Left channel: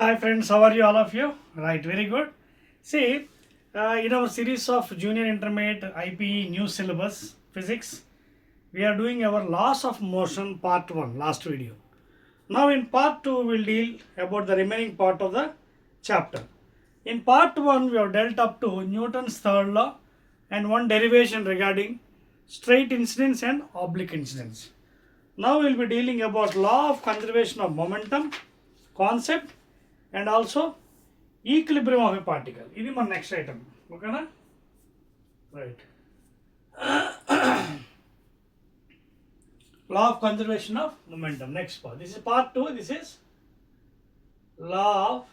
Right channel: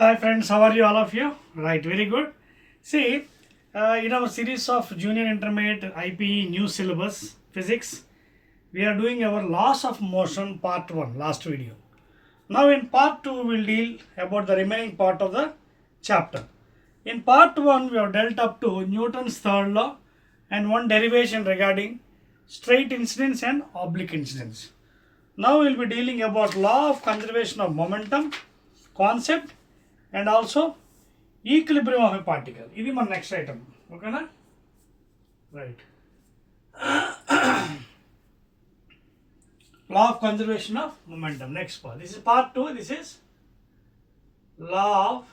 Hi friends, how are you all of you? Right, very good. See, in our series of junior intermediate IPE new syllabus physics, we are doing our laws of motion part 1 last video. Now in part 2 we will deal about the remaining part of the chapter. In part 1 we have dealt up to Newton's third law and one derivation regarding straight incidence and oblique incidence. Now we will be dealing about law of conservation of momentum concept and also equilibrium of a particle. This is my next item. Okay na? Right. Law of conservation of momentum. Next part. This is part 2. This is law of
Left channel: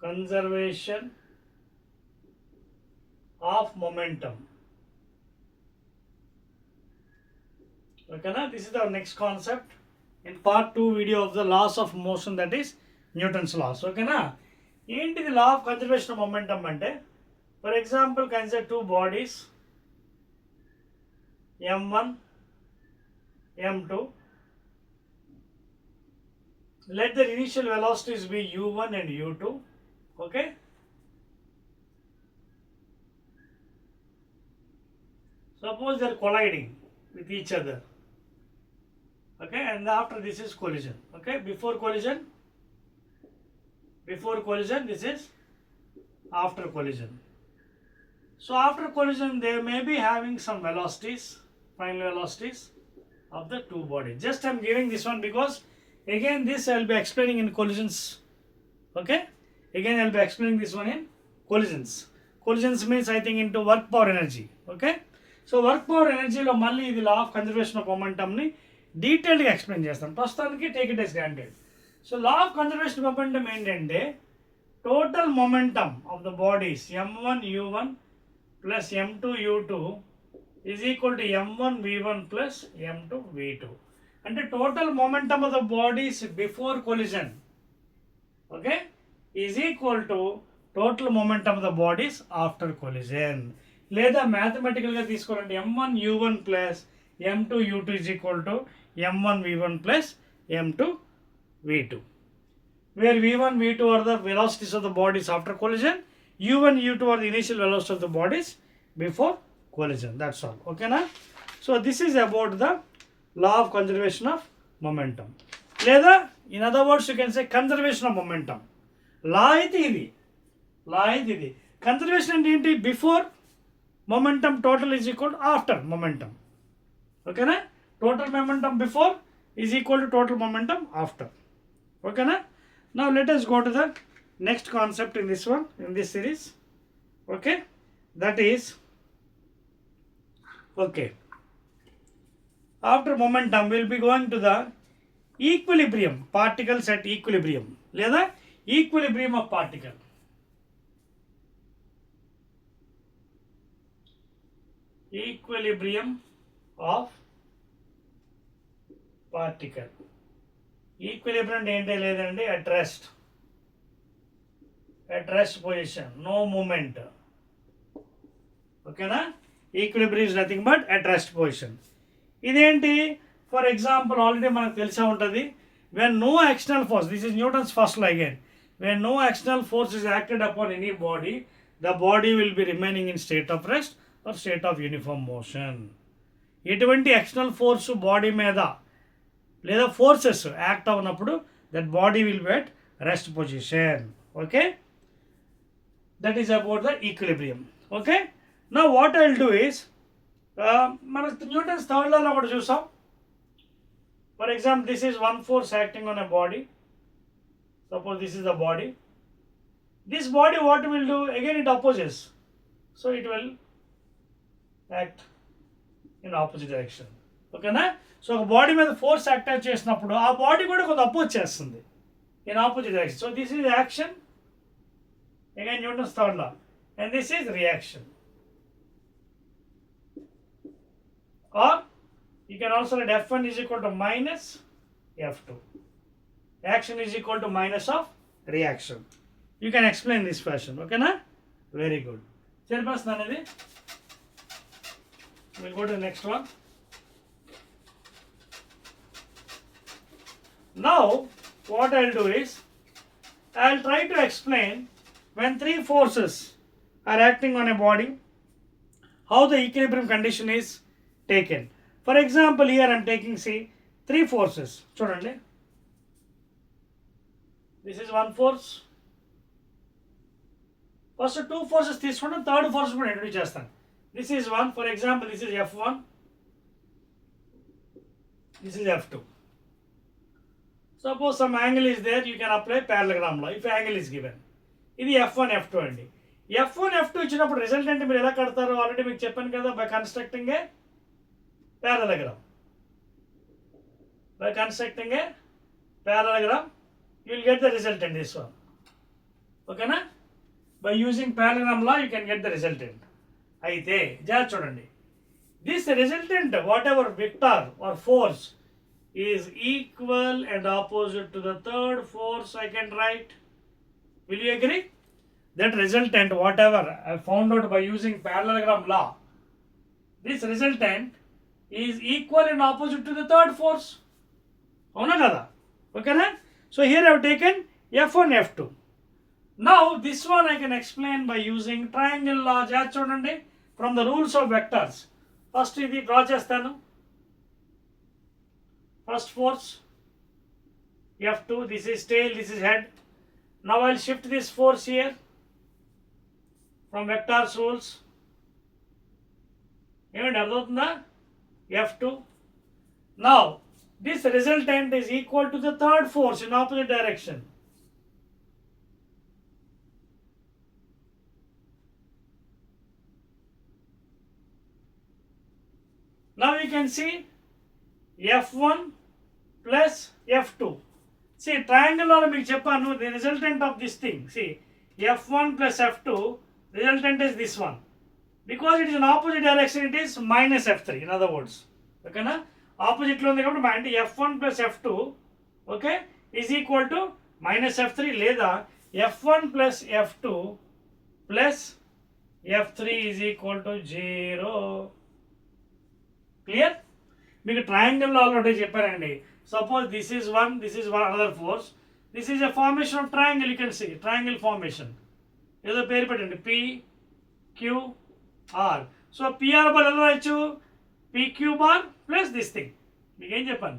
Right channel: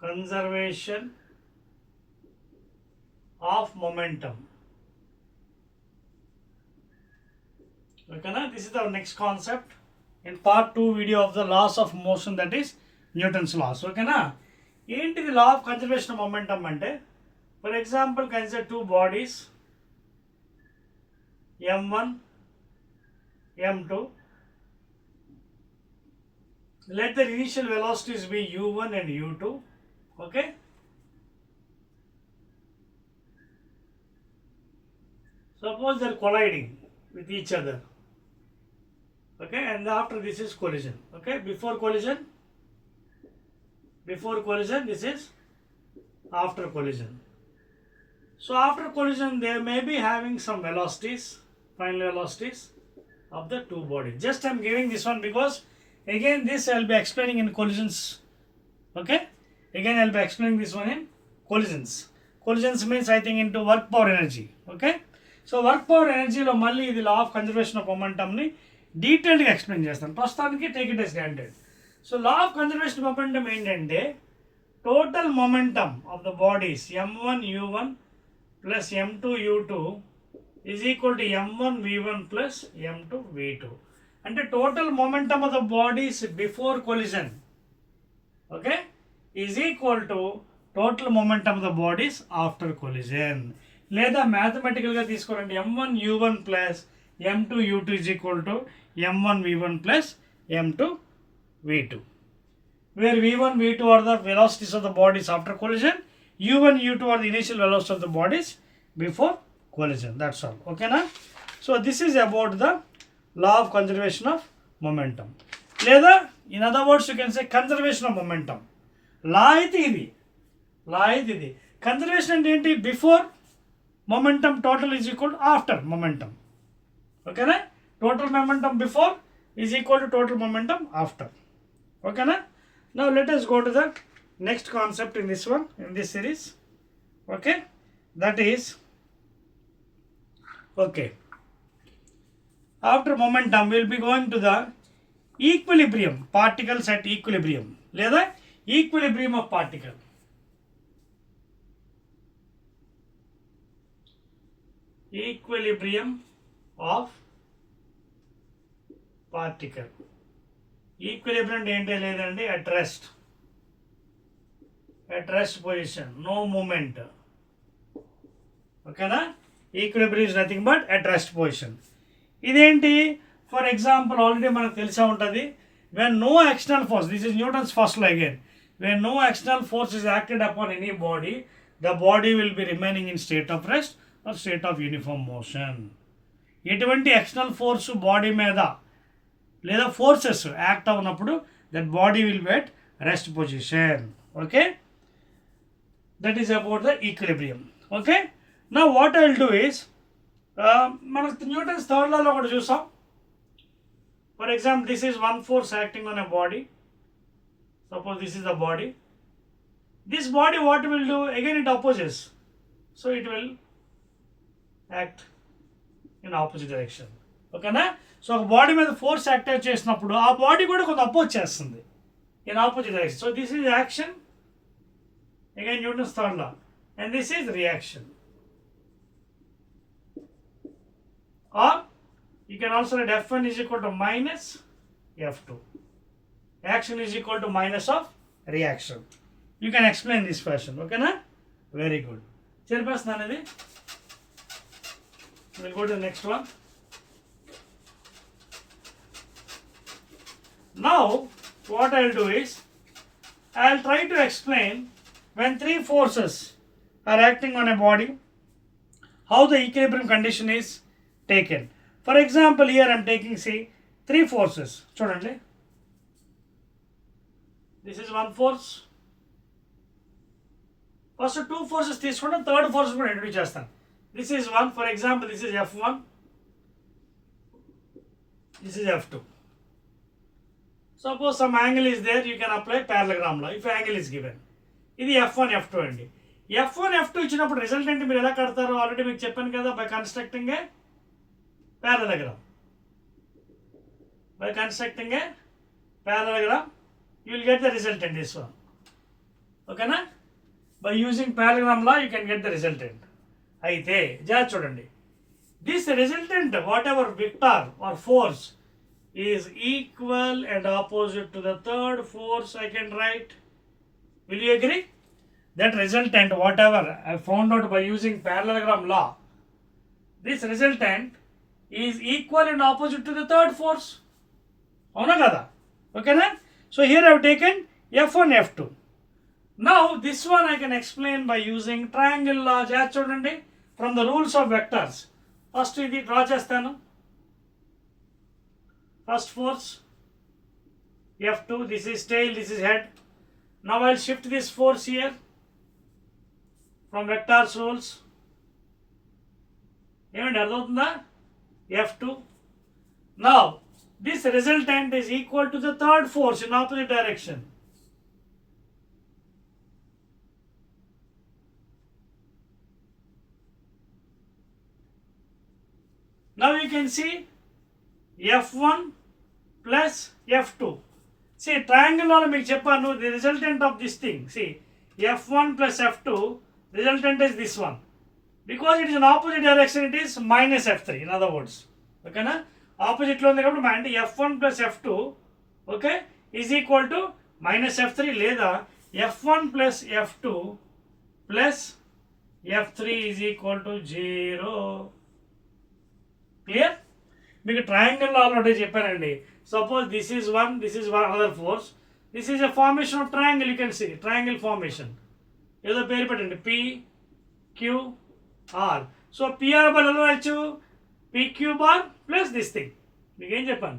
conservation of momentum. Okay na? This is the next concept in part 2 video of the laws of motion, that is Newton's laws. Okay na? Into the law of conservation of momentum ante, for example, consider two bodies m1 m2. Let their initial velocities be u1 and u2. Okay, suppose they are colliding with each other. Okay, and after this is collision. Okay, before collision, this is after collision. So after collision they may be having some velocities, final velocities of the two bodies. Just I am giving this one because again this I will be explaining in collisions. Okay, again I will be explaining this one in collisions. Collisions means I think into work power energy. Okay, so work power energy lo malli idi law of conservation of momentum ni detailed ga explain chestam. Prastutaniki take it as granted. So law of conservation of momentum ఏంటంటే total momentum of the bodies m1 u1 plus m2 u2 is equal to m1 v1 plus m2 v2. And the total momentum of the bodies before collision, okay, is equal to total momentum of the bodies after collision. లేదా మ్యాథమెటికల్గా తీసుకోవాలంటే m1 u1 plus m2 u2 is equal to m1 v1 plus m2 v2, where v1 v2 are the velocities of the bodies after collision, u1 u2 are the initial velocities of the bodies before collision. That's all. Okay na? So this is about the law of conservation of momentum. లేదా in other words you can say conservation of momentum. లా అయితే ఇది conservation అంటే ఏంటి? Before momentum total is equal after momentum. ఓకేనా? Total momentum before is equal to total momentum after. ఓకేనా? Now let us go to the next concept in this one, in this series. Okay, that is, okay, after momentum we will be going to the equilibrium, particles at equilibrium, లేదా equilibrium of particle. Equilibrium of particle. Equilibrium ఏంటో లేదండి, at rest position, no moment. ఓకేనా? Equilibrium is nothing but at rest position. ఇదేంటి? For example already మనకు తెలిసే ఉంటుంది, when no external force, this is Newton's first law again, when no external force is acted upon any body, the body will be remaining in state of rest or state of uniform motion. ఎటువంటి external force body మీద లేదా forces act అవునప్పుడు that body will be at rest position. Okay, that is about the equilibrium. Okay, నా what I will do is, మనకు Newton's third లాలో ఒకటి చూసాం. For example this is one force acting on a body. Suppose this is the body. This body what will do, again it opposes, so it will act in opposite direction. ఓకేనా? So ఒక body మీద force active చేసినప్పుడు ఆ body కూడా కొంత oppose చేస్తుంది in opposite direction. So this is action, again Newton's third law, and this is reaction. Or you can also write F1 is equal to minus F2. Action is equal to minus of reaction. You can explain this fashion. Okay na? Very good. Chairperson అనేది. We'll go to the next one. Now what I'll do is I'll try to explain when three forces are acting on a body, how the equilibrium condition is taken. For example, here I am taking, see, three forces. Chudandi. This is one force. First two forces తీసుకుంటాం, third force కూడా introduce చేస్తాను. This is one, for example, this is F1, this is F2. Suppose some angle is there, you can apply parallelogram law if angle is given. ఇది F1, F2 అండి. F1, F2 ఇచ్చినప్పుడు రిజల్టెంట్ మీరు ఎలా కడతారు ఆల్రెడీ మీకు చెప్పాను కదా, by constructing A parallelogram. By constructing a parallelogram, you will get the resultant, this one. Okay na? By using parallelogram law, you can get the resultant. అయితే జాగ్రత్త చూడండి, this resultant, whatever vector or force is equal and opposite to the third force, I can write. Will you agree? That resultant, whatever I found out by using parallelogram law, this resultant is equal and opposite to the third force. అవునా కదా? ఓకేనా? So here I have taken F1, F2. Now this one I can explain by using triangle law. జాగ్రత్త చూడండి, from the rules of vectors. First ఇది డ్రా చేస్తాను. First force F2, this is tail, this is head. Now I'll shift this force here from vectors rules. ఏమండి అర్థమవుతుందా? F2. Now this resultant is equal to the third force in opposite direction. Now you can see F1 plus F2. See, triangle law మీకు చెప్పాను, the resultant of this thing. See, F1 plus F2, resultant is this one. Because it is in opposite direction, it is minus F3. In other words, okay na? Opposite లో ఉంది కాబట్టి అంటే F1 plus F2, okay, is equal to minus F3 లేదా F1 plus F2 plus F3 is equal to 0. Clear? మీకు triangle already చెప్పారండి. Suppose this is one, this is one other force, this is a formation of triangle. You can see triangle formation, ఏదో పేరు పెట్టండి, PQR. So PR bar ఎలా రాయొచ్చు? PQ bar plus this thing. మీకు ఏం చెప్పాను?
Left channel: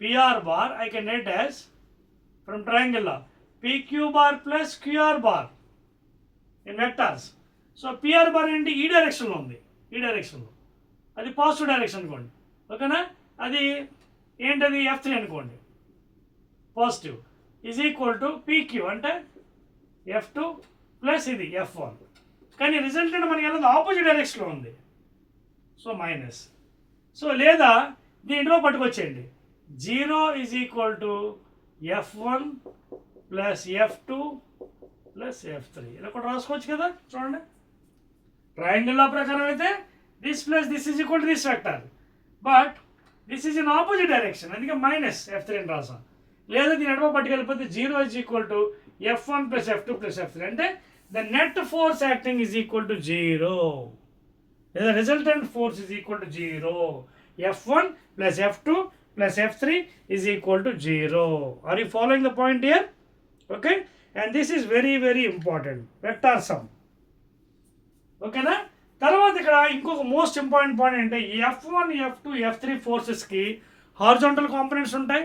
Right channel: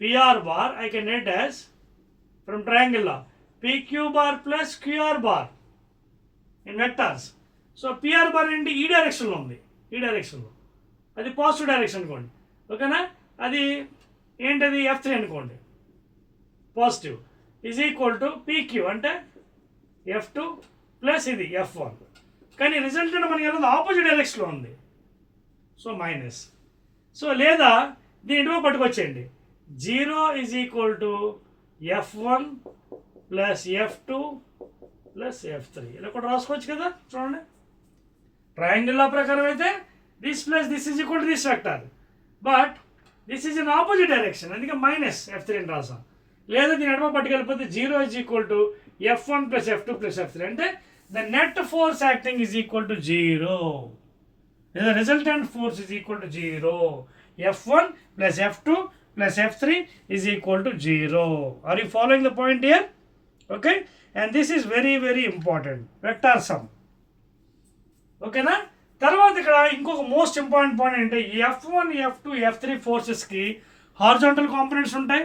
PR bar I can write as from triangle law PQ bar plus QR bar in vectors. So PR bar ఏంటి? ఈ డైరెక్షన్లో ఉంది, ఈ డైరెక్షన్లో, అది పాజిటివ్ డైరెక్షన్ అనుకోండి. ఓకేనా? అది ఏంటది? F3 అనుకోండి, positive, is equal to PQ అంటే F2 ప్లస్ ఇది F1. కానీ రిజల్టెంట్ మనకి ఎలా ఆపోజిట్ డైరెక్షన్లో ఉంది, సో మైనస్. సో లేదా దీంట్లో పట్టుకొచ్చేయండి, 0 is equal to F1 plus F2 plus F3. ఇలా కూడా రాసుకోవచ్చు కదా. చూడండి, ట్రయాంగిల్ లా ప్రకారం అయితే this plus this is equal to this vector, but this is in opposite direction, అందుకే మైనస్ F3 అని రాసాం. లేదా దీని ఎడమ పట్టుకెళ్ళిపోతే 0 is equal to F1 plus F2 plus F3 అంటే the net force acting is equal to 0. The resultant force is equal to 0. F1 plus F2 plus F3 is equal to 0. Are you following the point here? Okay, and this is very very important, vector sum. Okay na? తర్వాత ఇక్కడ ఇంకొక most important point అంటే F1, F2, F3 ఫోర్సెస్కి horizontal components ఉంటాయి.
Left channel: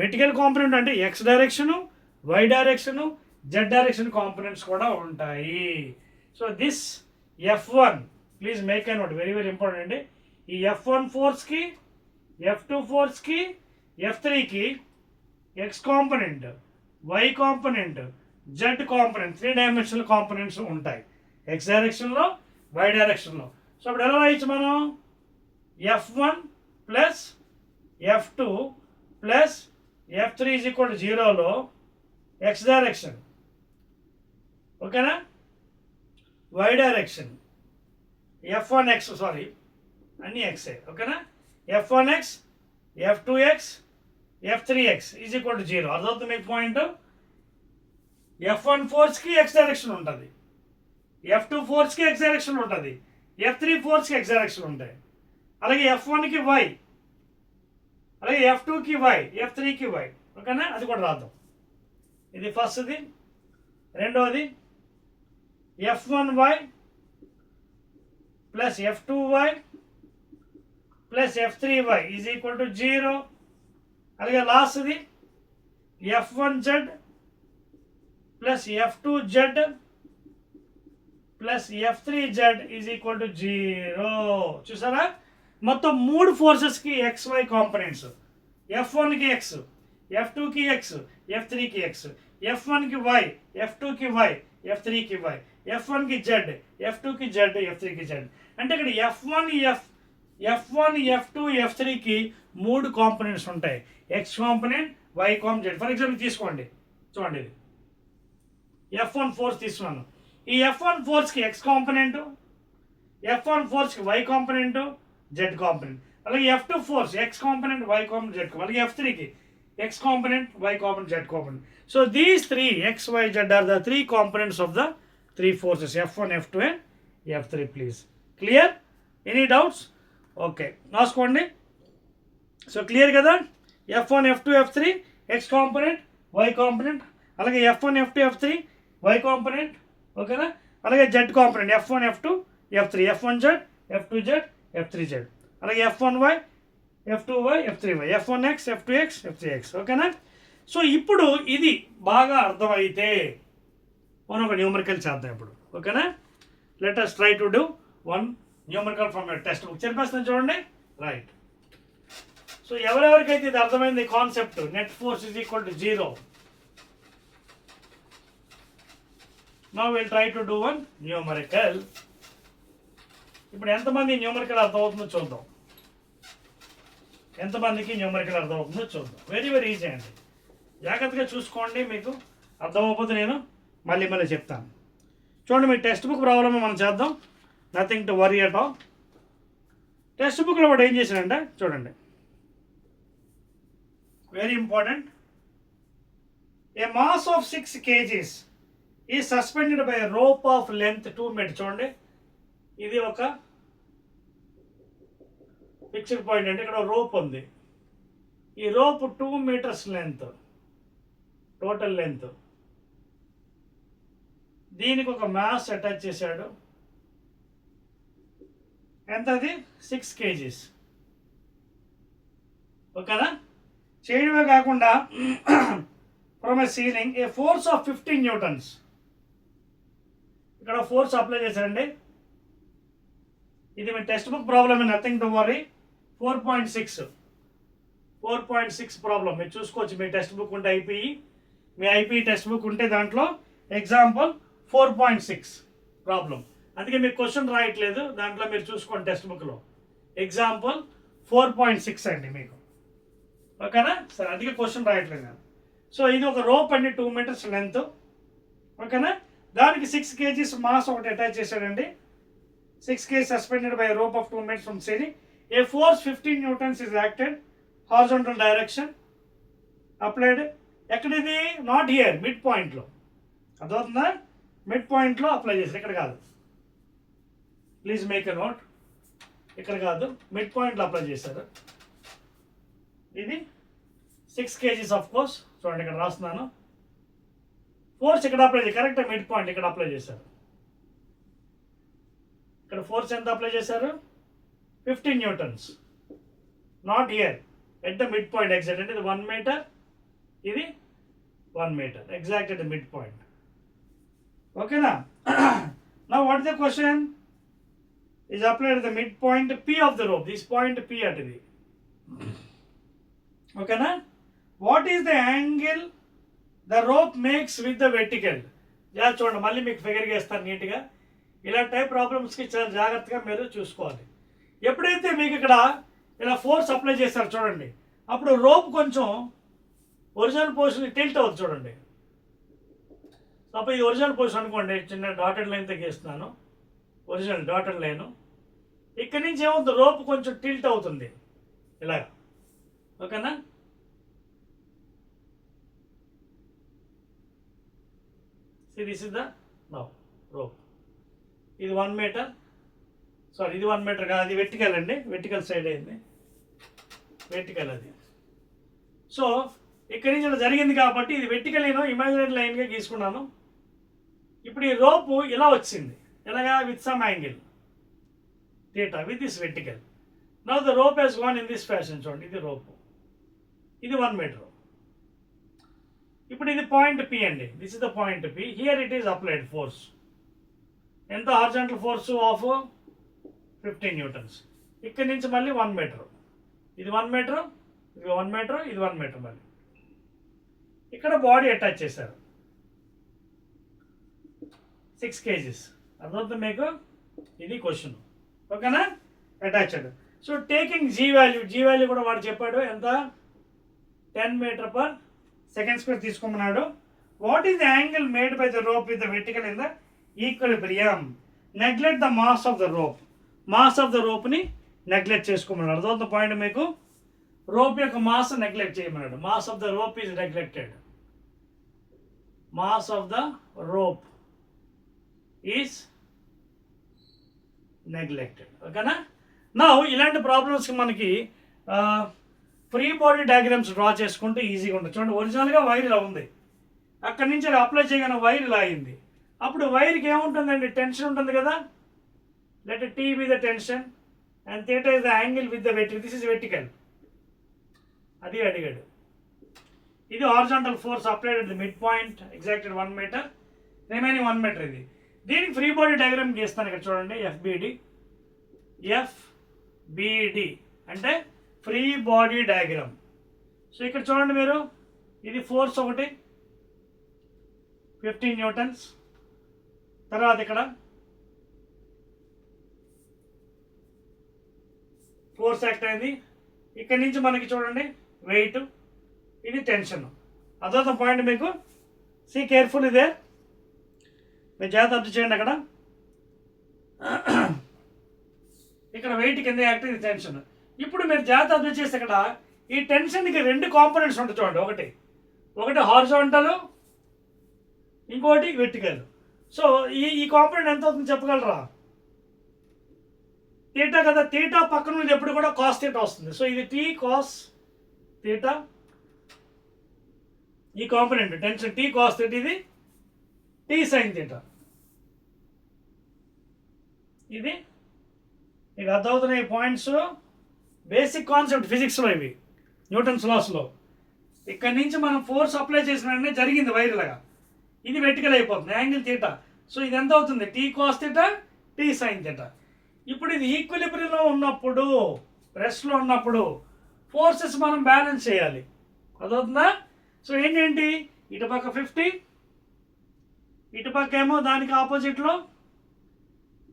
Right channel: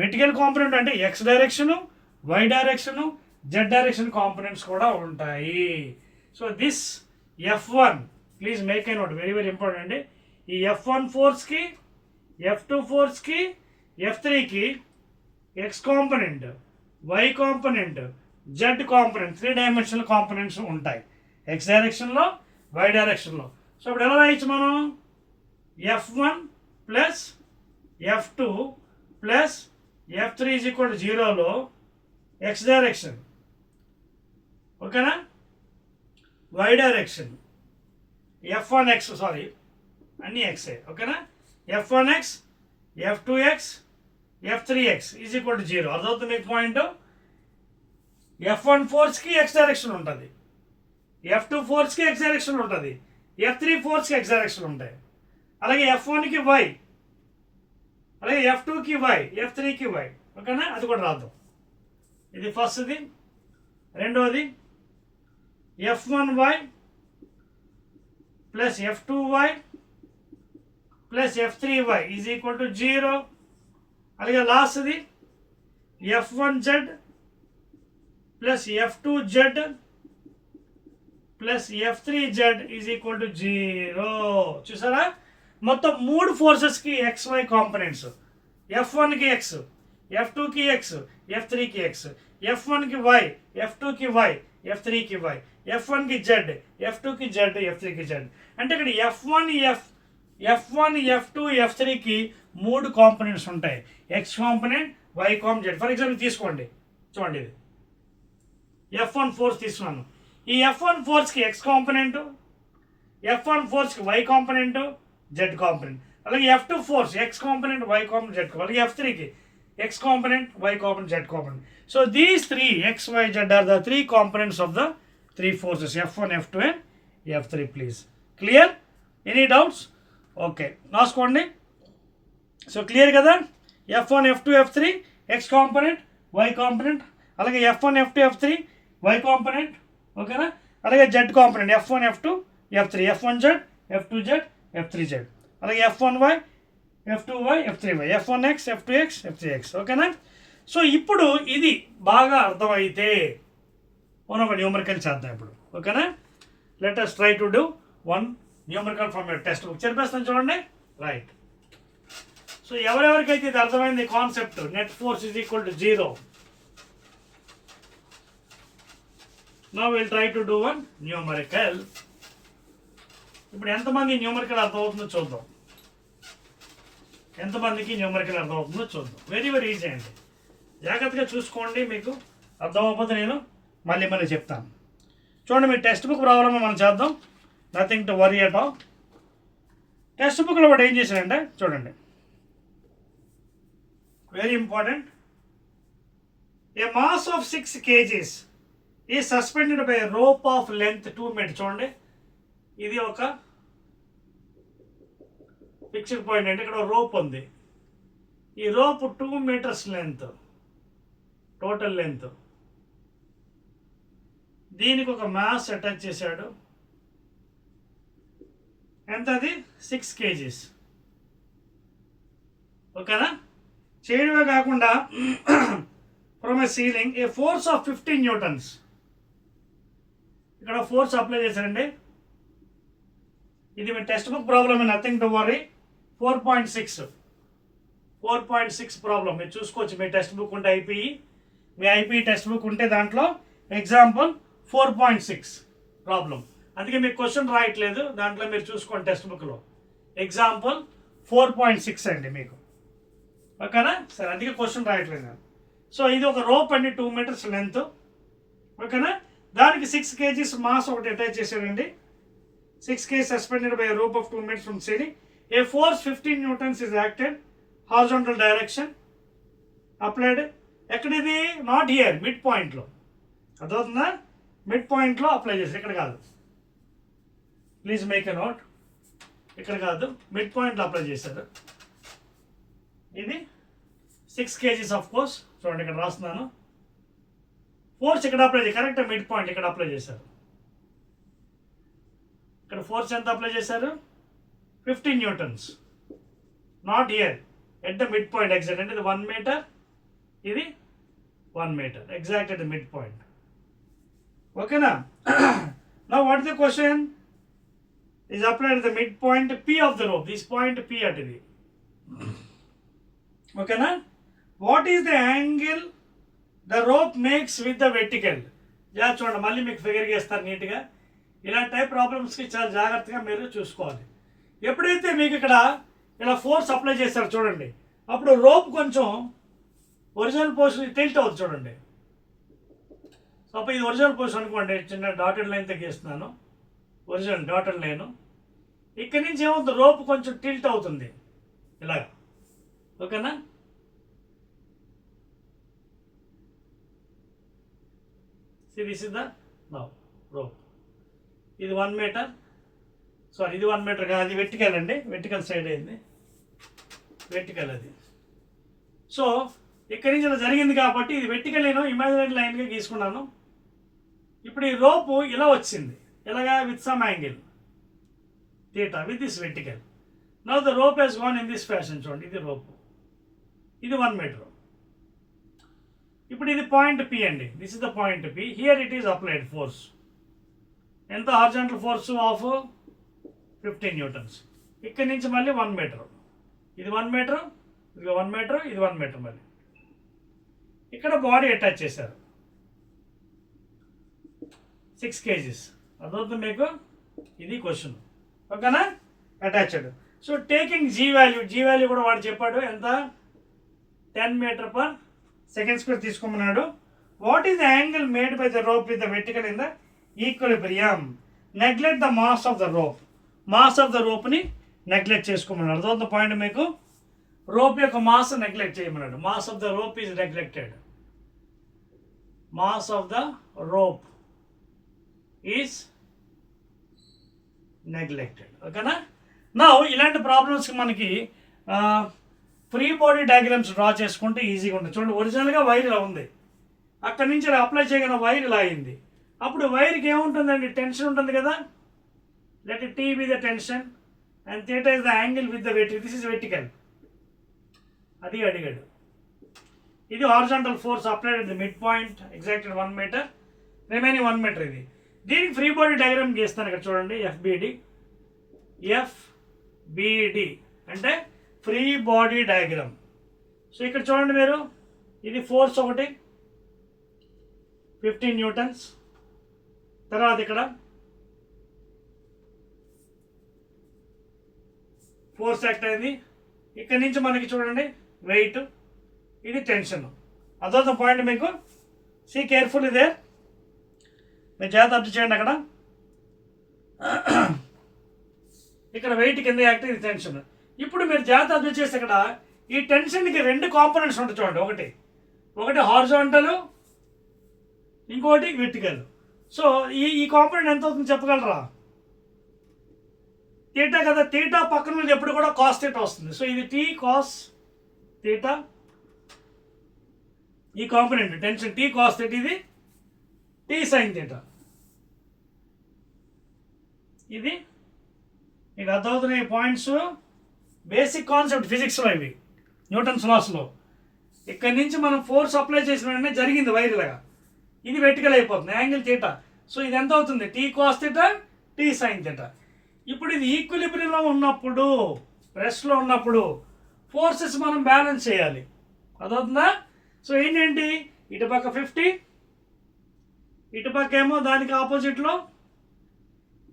Vertical component అంటే X direction, Y direction, Z direction components కూడా ఉంటాయి. So this F1, please make a note, very very important అండి. ఈ F1 ఫోర్స్కి, F2 ఫోర్స్కి, F3కి X component, Y component, Z component, 3 dimensional components ఉంటాయి X డైరెక్షన్లో, Y డైరెక్షన్లో. సో అప్పుడు ఎలా రాయొచ్చు మనం? F1 plus F2 plus F3 is equal to 0లో X డైరెక్షన్, ఓకేనా, Y డైరెక్షన్, F1X, సారీ అన్నీ Xే, ఓకేనా, F1X, F2X, F3X is equal to 0. అర్థమవుతుంది మీకు పాయింట్? F1 ఫోర్స్కి X డైరెక్షన్ ఉంటుంది, F2 ఫోర్స్కి X డైరెక్షన్ ఉంటుంది, F3 ఫోర్స్కి X డైరెక్షన్ ఉంటాయి. అలాగే F1కి Y, అలాగే అలాగే F2కి y, F3కి y. ఓకేనా, అది కూడా రాద్దాం. ఇది ఫస్ట్ది. రెండవది F1y plus F2y plus F3y is equal to 0. అలాగే లాస్ట్ది F1z plus F2z plus F3z is equal to 0. చూసారా, మొత్తం 3 ఫోర్సెస్కి XY కాంపనెంట్స్. F1కి x, F2కి x, F3కి x, F1కి y, F2కి y, F3కి y, F1కి z, F2కి z, F3కి z. అంటే ఇక్కడ F1, F2, F3కి 3 కాంపనెంట్స్ ఉంటాయి. X component, Y component. For example తీసుకోండి, చూడండి, ఇది F1 ఫోర్స్ తీసుకున్నాను. ఈ F1 ఫోర్స్కి X కాంపనెంట్, F1 ఫోర్స్కి Y కాంపనెంట్, Z కాంపనెంట్. అలాగే F2 force X component, Y component, Z component. అలాగే F3కి X component, Y component, Z component. So these 3 X, Y, Z are the 3 components of the 3 forces F1, F2 and F3. Please clear? Any doubts? Okay, రాసుకోండి. So clear కదా, F1, F2, F3 X component, Y component. అలాగే F1, F2, F3 Y component. ఓకేనా, అలాగే Z component F1, F2, F3, F1Z, F2Z, F3Z. అలాగే F1Y, F2Y, F3Y, F1X, F2X, F3X. ఓకేనా. సో ఇప్పుడు ఇది బాగా అర్థమైతే మనం ఒక న్యూమరికల్ చేద్దాం ఇప్పుడు. ఓకేనా, let us try to do one numerical from your text book. చెప్పేస్తాను చూడండి. రైట్. సో ఎవరెవరికైతే ఇది అర్థమైంది concept, net force is equal to 0. Now will try to do one numerical. ఇప్పుడు ఎంతమంది న్యూమరికల్ అర్థమవుతుందో చూద్దాం. ఎంతమందికి న్యూమరికల్ అర్థమవుతుందో చూద్దాం. వెరీ వెరీ ఈజీ అండి, జాగ్రత్తగా చూసుకోండి. మీకు అర్థమవుతుంది, నేను మళ్ళీ చెప్తాను. చూడండి, మీ టెక్స్ట్ బుక్ ప్రాబ్లమ్ మనం చేద్దాం. Nothing to worry at all. Text బుక్లో వాడు ఏం చేశాడంటే చూడండి, very important. A mass of 6 kgs ఈ suspended by rope of length 2 meters. చూడండి, ఇది ఒక ఫిక్స్డ్ పాయింట్. అంటే ఇక్కడ రోప్ ఉంది. ఈ రోప్ 2 meters లెంత్, టోటల్ లెంత్. దీనికి ఒక మాస్ అటాచ్ చేశాడు. ఎంత అది? 6 kgs. ఓకేనా. చేయడమే కాకుండా from a ceiling a force of 15 newtons. ఇక్కడ ఫోర్స్ అప్లై చేశారండి. ఇది మీ text book problem, nothing to worry. 4.6 problem మీరు చూసుకోవచ్చు. మీ టెక్స్ట్ బుక్ ఉంటే మీ ఐపీఈ టెక్స్ట్ బుక్ ఉంటే దాంట్లో ఎగ్జాంపుల్ 4.6 ప్రాబ్లం. అందుకే మీకు క్వశ్చన్ రాయట్లేదు, దాంట్లో మీరు చూసుకోండి టెక్స్ట్ బుక్లో. ఎగ్జాంపుల్ 4.6 అండి మీకు. ఓకేనా, సరే, అందుకే క్వశ్చన్ రాయట్లేదు నేను. సో ఇది ఒక రోప్ అండి, 2 meters లెంత్. ఓకేనా, దానికి 6 kgs మాస్ ఒకటి అటాచ్ చేశాడండి. 6 kgs suspended by rope of 2 meters from ceiling. A force 15 newtons is acted horizontal direction applied. ఎక్కడిది? నాట్ హియర్, మిడ్ పాయింట్లో. అదవుతుందా? మిడ్ పాయింట్లో అప్లై చేశారు, ఇక్కడ కాదు. Please make a note. ఇక్కడ కాదు, మిడ్ పాయింట్లో అప్లై చేశారు. ఇది 6 kgs ఆఫ్ కోర్స్. చూడండి, ఇక్కడ రాస్తున్నాను. ఫోర్స్ ఇక్కడ అప్లై చేసి కరెక్ట్ మిడ్ పాయింట్ ఇక్కడ అప్లై చేశారు. ఇక్కడ ఫోర్స్ ఎంత అప్లై చేశారు? 15 newtons. Not here, at the mid point exact. అంటే ఇది 1 meter, ఇది 1 meter, exact at the mid point. ఓకేనా. Now what the question is applied at the midpoint P of the rope. This point P at ఇది. ఓకేనా. What is the angle the rope makes with the vertical? చూడండి, మళ్ళీ మీకు ఫిగర్ చేస్తారు నీట్గా. ఇలాంటి టైప్ ప్రాబ్లమ్స్కి చాలా జాగ్రత్తగా మీరు చూసుకోవాలి. ఎప్పుడైతే మీకు ఇక్కడ ఇలా ఫోర్స్ అప్లై చేస్తారు చూడండి, అప్పుడు రోప్ కొంచెం ఒరిజినల్ పొజిషన్ టిల్ట్ అవుతుంది చూడండి. అప్పుడు ఇది ఒరిజినల్ పొజిషన్ అనుకోండి, చిన్న డాటెడ్ లైన్ తగ్గిస్తున్నాను, ఒరిజినల్ డాటెడ్ లైను. ఇక్కడి నుంచి ఏమవుతుంది, రోప్ కొంచెం టిల్ట్ అవుతుంది ఇలాగ. ఓకేనా. This is the now rope. ఇది 1 meter, సారీ ఇది 1 meter కాదు, అది వెర్టికల్ అండి, వెర్టికల్ సైడ్ అయింది, వెర్టికల్ అది. సో ఇక్కడి నుంచి ఇలా జరిగింది కాబట్టి ఇది వెర్టికల్ నేను ఇమాజినరీ లైన్గా గీసుకున్నాను. ఇప్పుడు ఈ రోపు ఇలా వచ్చింది, ఇలాగా with some angle theta with this vertical. Now the rope has gone in this fashion. చూడండి, ఇది రోపు, ఇది 1 మీటర్. ఇప్పుడు ఇది పాయింట్ పి అండి, this is the point P. Here it is applied force. ఎంత హారిజాంటల్ ఫోర్స్ ఆఫ్ 15 న్యూటన్స్. ఇక్కడి నుంచి మళ్ళీ 1 మీటర్, ఇది 1 మీటర్, ఇది 1 మీటర్, ఇది 1 మీటర్. మళ్ళీ ఇక్కడ బాడీ అటాచ్ చేశారు 6 kgs. అర్థమవుతుంది మీకు? ఇది క్వశ్చన్, ఓకేనా? Attached. So taking g value కూడా వాడు చెప్పాడు, ఎంత 10 మీటర్ పర్ సెకండ్ స్క్వేర్ తీసుకోమన్నాడు. What is the angle made by the rope with the vertical in the equilibrium? Neglect the mass of the rope. Mass of the రోప్ని neglect చేసుకోమన్నాడు. అర్థమవుతుంది point మీకు? Rope యొక్క మాస్ నెగ్లెక్ట్ చేయమన్నాడు. Mass of the rope is neglected. Mass of the rope is neglected, ఓకేనా? నా ఇలాంటి ప్రాబ్లమ్స్కి మనకి ఫ్రీ బాడీ డయాగ్రామ్స్ డ్రా చేసుకుంటే ఈజీగా ఉంటుంది. చూడండి, ఒరిజినల్గా వైర్ ఇలా ఉంది, అక్కడి నుంచి అప్లై చేయగానే వైర్ ఇలా అయింది. అప్పుడు వైర్కి ఏముంటుందండి? టెన్షన్ ఉంటుంది కదా. Let T be the tension and theta is the angle with the vertical. This is vertical. అది అడిగాడు. ఇది horizontal force applied the mid point exacted 1 meter, remaining 1 meter. ఇది దీనికి ఫ్రీ బాడీ డయాగ్రామ్ గీస్తాను. ఇక్కడ చూడండి, ఎఫ్బిడి అంటే ఫ్రీ బాడీ డయాగ్రామ్. సో ఇక్కడ చూడండి మీరు, ఇది ఫోర్స్ ఒకటి 15 న్యూటన్స్. తర్వాత ఇక్కడ ఫోర్స్ యాక్ట్ అయింది. ఇక్కడి నుంచి మనకి చూడండి వెయిట్, ఇది టెన్షన్. అదొక పాయింట్ మీకు. సీ కేర్ఫుల్, ఇదే మీరు జాగ్రత్త అబ్జర్వ్ చేయండి. అక్కడ ఇక్కడ వెయిట్ కింద యాక్ట్, ఇది టెన్షన్. ఇప్పుడు మీరు జాగ్రత్త అబ్జర్వ్ చేస్తే ఇక్కడ ఈ టెన్షన్కి 2 కాంపోనెంట్స్ ఉంటాయి చూడండి. ఒకటి హారిజాంటల్, ఇంకోటి వెర్టికల్. సో ఈ కాంపోనెంట్ ఎంత అవుతుంది చెప్పగలరా? థీటా కదా. థీటా పక్కన మీద ఎప్పుడు కూడా కాస్ థీటా వస్తుంది. సో ఇది టీ కాస్ థీటా, ఈ component tension T cos theta, ఇది టీ సైన్ థీటా. ఇది మీకు అర్థమవుతున్నాయి పాయింట్స్. బేసిక్ కాన్సెప్ట్ ఫిజిక్స్లో ఇవి, న్యూటన్స్ లాస్లో. ఇక్కడి నుంచి మనం ఫోర్స్ అప్లై చేసిన వెంటనే జరిగింది వైర్ లాగా, ఇది వెర్టికల్ అయిపోతుంది, యాంగిల్ థీటా. సో ఇది ఎంత అవుతుంది? T cos theta, T sine theta. ఇప్పుడు ఇది ఈక్విలిబ్రియంలో ఉన్నప్పుడు, రెస్ట్లో ఉన్నప్పుడు ఫోర్సెస్ మనం బ్యాలెన్స్ చేయాలి. అదవుతుందా? సో ఏంటంటి, ఇటుపక్క 50, ఇటుపక్క ఏమో దానికి ఆపోజిట్లో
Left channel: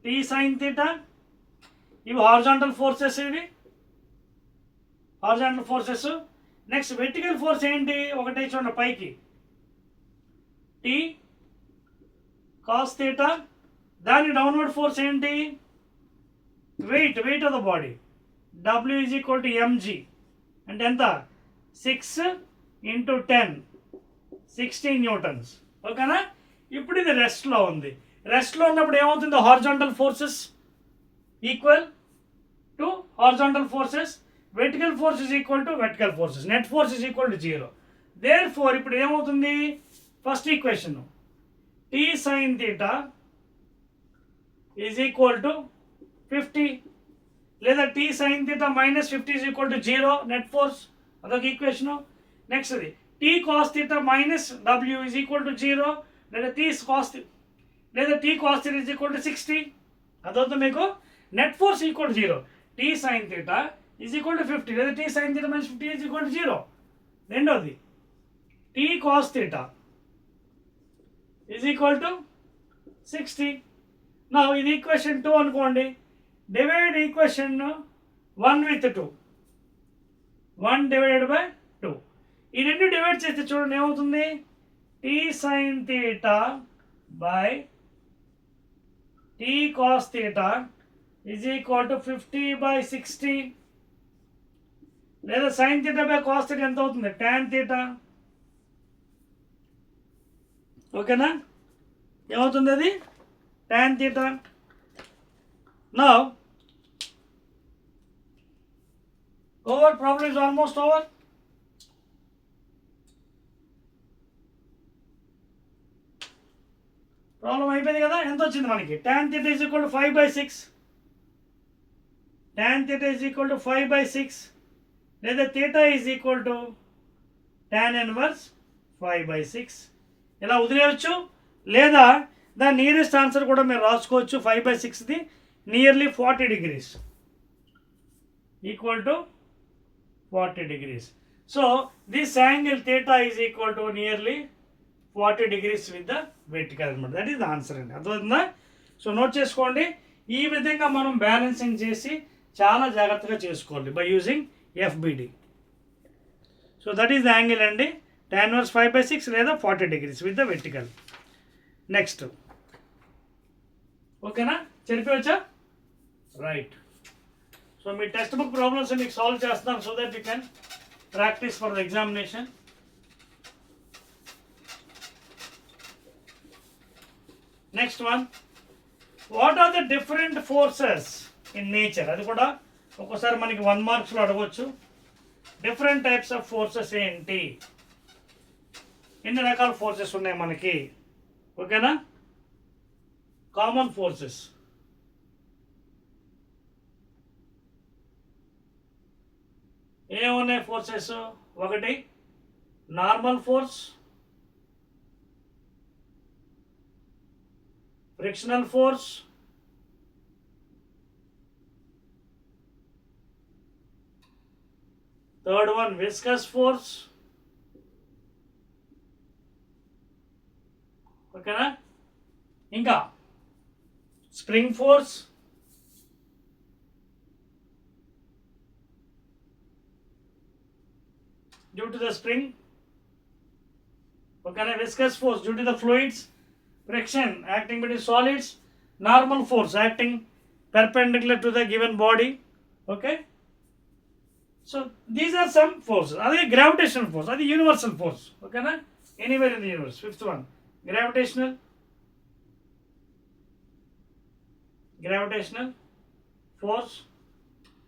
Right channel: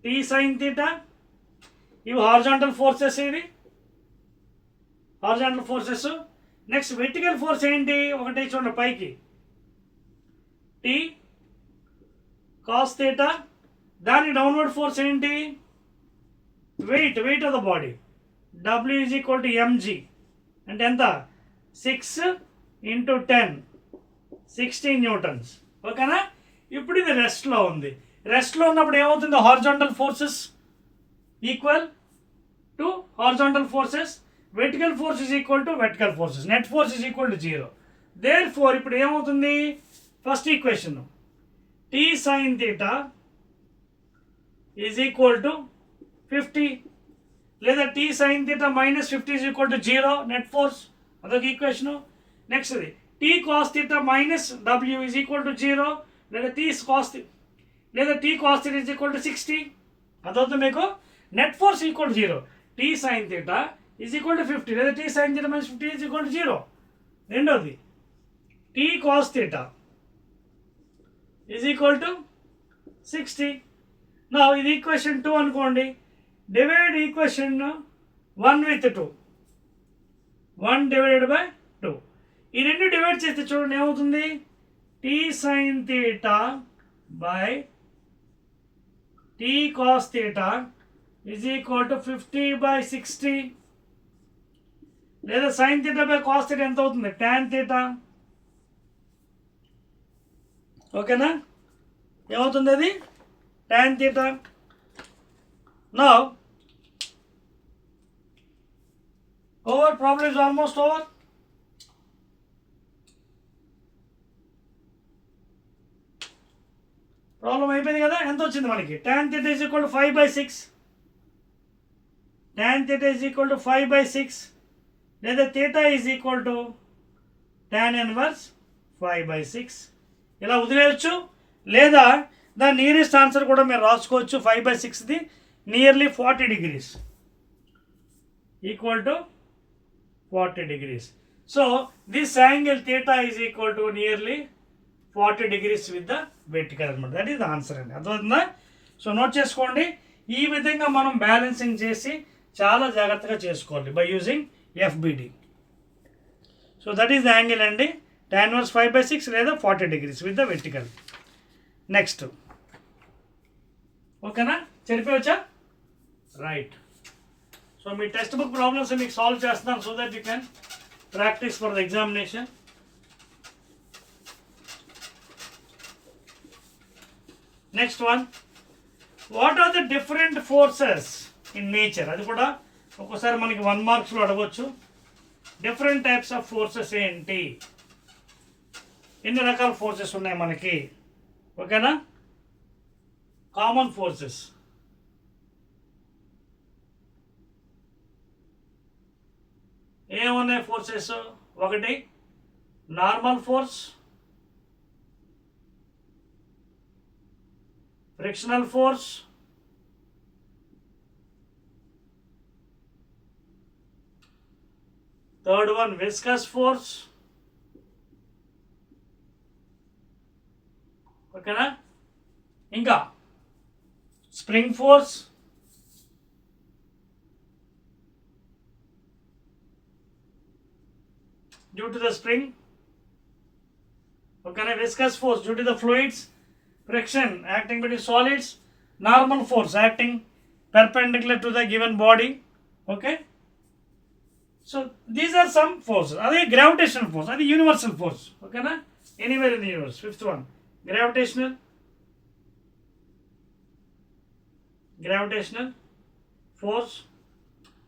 టీ సైన్ థీటా. ఇవి హారిజాంటల్ ఫోర్సెస్, ఇవి horizontal forces. Next vertical force ఏంటి? ఒకటి చూడండి పైకి టీ కాస్ థీటా, దాని డౌన్వర్డ్ ఫోర్స్ ఏంటి? Wait of the body. W is equal to MG అంటే ఎంత? 6 × 10 16 న్యూటన్స్, ఓకేనా? ఇప్పుడు ఇది రెస్ట్లో ఉంది. రెస్ట్లో ఉన్నప్పుడు ఏమవుతుంది? Horizontal forces equal to horizontal forces, vertical force is equal to vertical forces, net force is equal to 0. Therefore ఇప్పుడు ఏమవుతుంది? First equation T sine theta is equal to 50, లేదా T sine theta minus 50 is equal to 0 net force, అదొక equation. Next అది T cos theta minus W is equal to 0, లేదా T cos theta is equal to 60. అదవుతుంది మీకు. Net force equal to 0. T sine theta is equal to 50, లేదా T sine theta minus 50 is equal to 0. రెండోది T cos theta is equal to 60. నా ఇది equation 2 అనుకోండి. Divide equation 1 with 2, 1 divided by 2. ఈ రెండు డివైడ్ చేస్తే చూడండి ఏమవుతుంది? T sine theta by T cos theta is equal to 50/60, లేదా sine theta by cos theta ఎంత అవుతుంది? టాన్ థీటా, ఓకేనా? ఏమవుతుంది అది? Tan theta. Now over, problem is almost over. Problem అయిపోయింది కదా. ఎంత వచ్చింది మనకి? tan theta is equal to 5/6. tan theta is equal to 5/6 లేదా theta is equal to tan inverse 5/6. ఇలా వదిలేయచ్చు, లేదా దాని నియరెస్ట్ ఆన్సర్ కూడా మీరు రాసుకోవచ్చు. 5/6ది nearly 40 degrees equal to 40 degrees. So this angle theta is equal to nearly 40 degrees with the vertical అనమాట. దట్ ఈస్ ద ఆన్సర్ అండి. అర్థమవుతుందా? సో నోట్ చేసుకోండి. ఈ విధంగా మనం బ్యాలెన్సింగ్ చేసి చాలా జాగ్రత్తగా చేసుకోవాలి by using FBD. So that is the angle అండి, tan inverse 5/6 లేదా 40 degrees with the vertical. Next ఓకేనా, చెప్పవచ్చా? రైట్. సో మీ టెక్స్ట్ బుక్ ప్రాబ్లమ్స్ మీకు సాల్వ్ చేస్తాం so that you can practise for the examination. Next one, what are the different forces in nature? అది కూడా ఒక్కోసారి మనకి 1 మార్క్స్లో అడగవచ్చు. డిఫరెంట్ టైప్స్ ఆఫ్ ఫోర్సెస్ ఏంటి, ఎన్ని రకాల ఫోర్సెస్ ఉన్నాయి మనకి? ఓకేనా, కామన్ ఫోర్సెస్. ఏమున్నాయి ఫోర్సెస్? ఒకటి normal force, frictional force, third one viscous force, ఓకేనా, ఇంకా spring force, due to the spring, ఓకేనా, viscous force due to the fluids, friction acting between solids, normal force acting perpendicular to the given body. Okay, so these are some forces. Adi gravitational force, adi universal force. Okay na, anywhere in the universe. Fifth one, gravitational force,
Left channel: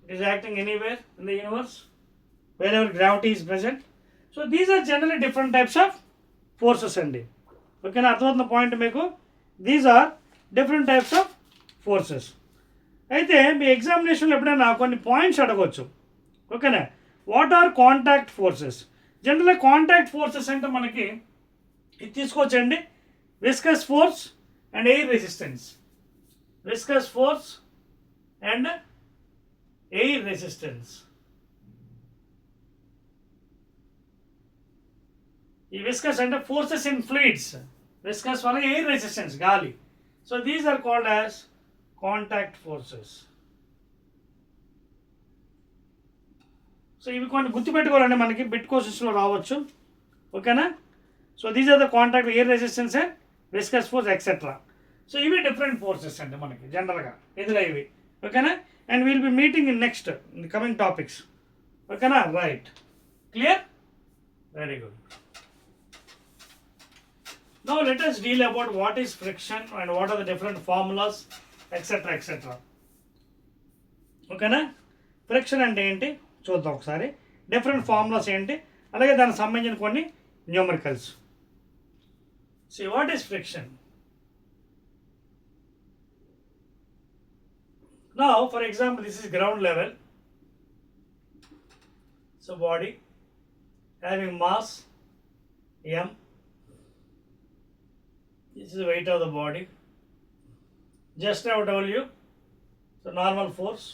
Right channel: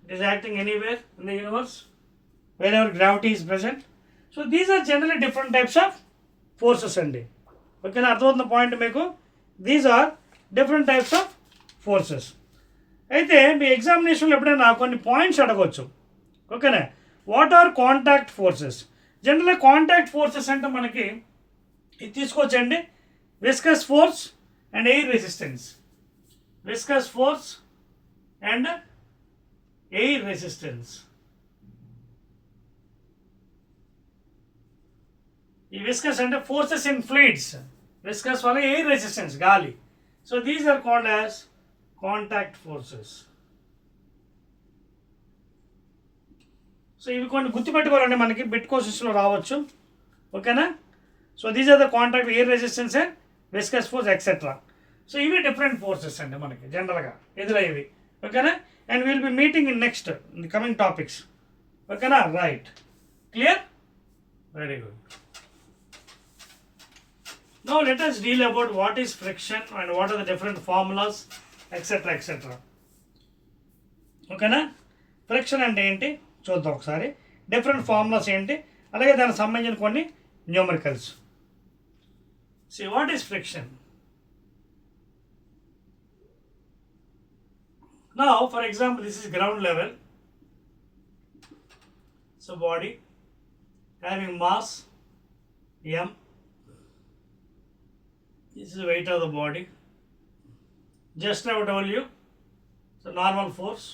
it is acting anywhere in the universe wherever gravity is present. So these are generally different types of forces andi. ఓకేనా, అర్థమవుతున్న point మీకు? These are different types of forces. అయితే మీ ఎగ్జామినేషన్లో ఎప్పుడైనా కొన్ని points అడగవచ్చు. ఓకేనా, వాట్ ఆర్ కాంటాక్ట్ ఫోర్సెస్? జనరల్గా కాంటాక్ట్ ఫోర్సెస్ అంటే మనకి ఇది తీసుకోవచ్చండి, viscous force and air resistance. Viscous force and air resistance. ఈ విస్కస్ అంటే ఫోర్సెస్ ఇన్ ఫ్లూయిడ్స్, విస్కస్ వల్ల ఎయిర్ రెసిస్టెన్స్ గాలి. So these are called as contact forces. So ఇవి కొన్ని గుర్తుపెట్టుకోవాలంటే మనకి బిట్ క్వశ్చన్స్లో రావచ్చు. ఓకేనా, so these are the contact, air resistance and viscous force etcetera. So ఇవి డిఫరెంట్ ఫోర్సెస్ అండి మనకి జనరల్గా ఎదురయ్యేవి. ఓకేనా, and will be meeting in next in the coming topics. ఓకేనా, right, clear, very good. Now let us deal about what is friction and what are the different formulas, etc. etc. ఓకేనా, ఫ్రిక్షన్ అంటే ఏంటి చూద్దాం ఒకసారి, డిఫరెంట్ ఫార్ములాస్ ఏంటి, అలాగే దానికి సంబంధించిన కొన్ని numericals. See what is friction? Now for example this is ground level. So body having mass m, this is the weight of the body. Just now I told you, so normal force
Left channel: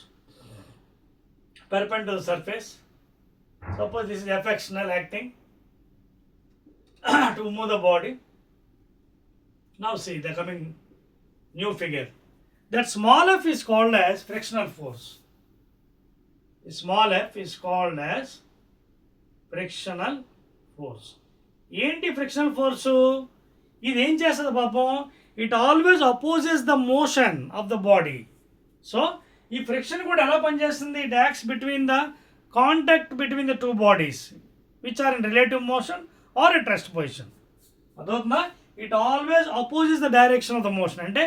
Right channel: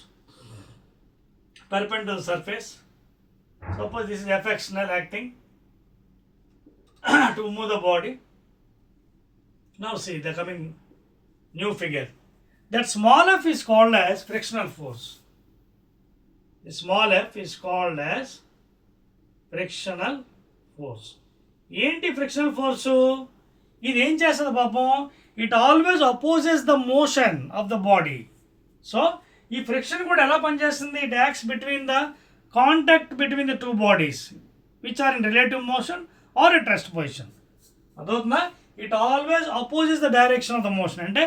perpendicular to the surface. Suppose this is frictional acting to move the body. Now see the coming new figure. That small f is called as frictional force. The small f is called as frictional force. ఏంటి frictional force? ఇది ఏం చేస్తుంది పాపం, it always opposes the motion of the body. So ఈ friction కూడా ఎలా పనిచేస్తుంది? It acts between the contact between the two bodies which are in relative motion or at rest position. అదవుతుందా? It always opposes the direction of the motion. అంటే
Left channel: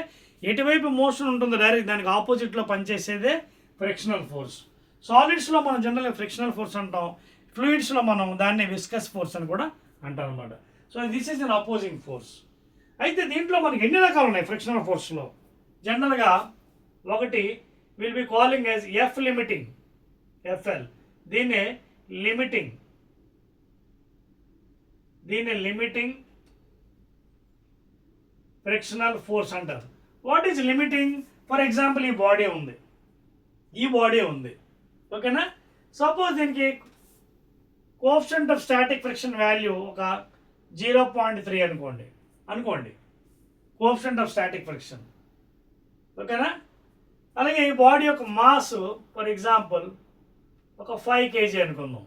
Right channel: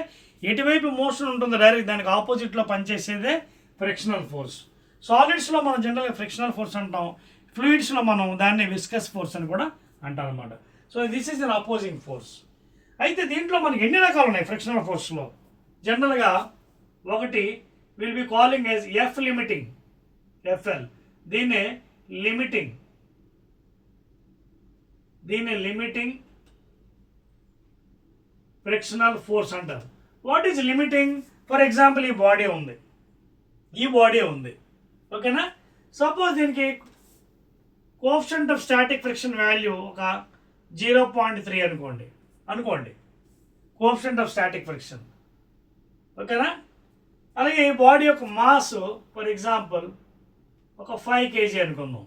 ఎటువైపు మోషన్ ఉంటుందో డైరెక్ట్ దానికి ఆపోజిట్లో పనిచేసేదే ఫ్రిక్షనల్ ఫోర్స్. సాలిడ్స్లో మనం జనరల్గా ఫ్రిక్షనల్ ఫోర్స్ అంటాం, ఫ్లూయిడ్స్లో మనం దాన్ని విస్కస్ ఫోర్స్ అని కూడా అంటాం అన్నమాట. So this is an opposing force. అయితే దీంట్లో మనకి ఎన్ని రకాలు ఉన్నాయి ఫ్రిక్షనల్ ఫోర్స్లో? జనరల్గా ఒకటి will be calling as if limiting, FL. దీన్నే లిమిటింగ్ ఫ్రిక్షనల్ ఫోర్స్ అంటారు. What is limiting? For example ఈ బాడీ ఉంది, ఓకేనా. సపోజ్ దీనికి coefficient of static friction value ఒక 0.3 అనుకోండి కోఎఫిషియంట్ ఆఫ్ స్టాటిక్ ఫ్రిక్షన్, ఓకేనా. అలాగే ఈ బాడీ యొక్క మాస్ ఫర్ ఎగ్జాంపుల్ ఒక 5 kg అనుకుందాం,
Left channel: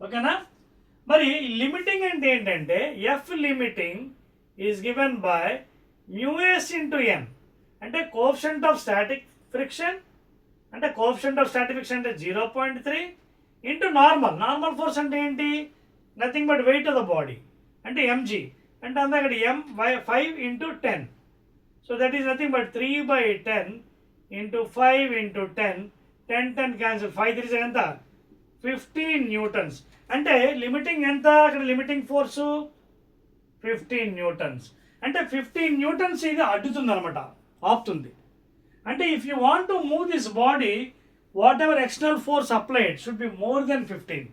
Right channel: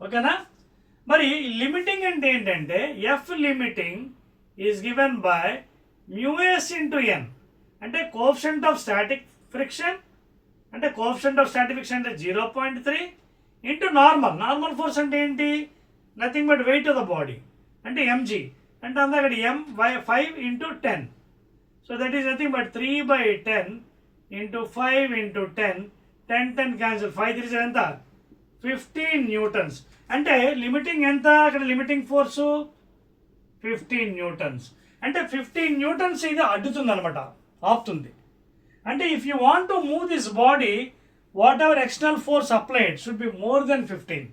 ఓకేనా. మరి లిమిటింగ్ అంటే ఏంటంటే F limiting is given by µs into N. అంటే కోఎఫిషియంట్ ఆఫ్ స్టాటిక్ ఫ్రిక్షన్ అంటే 0.3 ఇంటూ నార్మల్ ఫోర్స్ అంటే ఏంటి? Nothing but wait of the body అంటే mg. అంటే అంతా అక్కడ m/5 into 10. So that is nothing but 3/10 ఇంటూ 5 ఇంటూ 10. 10 క్యాన్సిల్, 5 3 ఎంత? 15 న్యూటన్స్. అంటే లిమిటింగ్ ఎంత? అక్కడ లిమిటింగ్ ఫోర్సు 15 న్యూటన్స్. అంటే 15 న్యూటన్స్ ఇది అడ్డుతుంది అనమాట, ఆపుతుంది. అంటే if you want to move this body, whatever external force applied should be more than 15.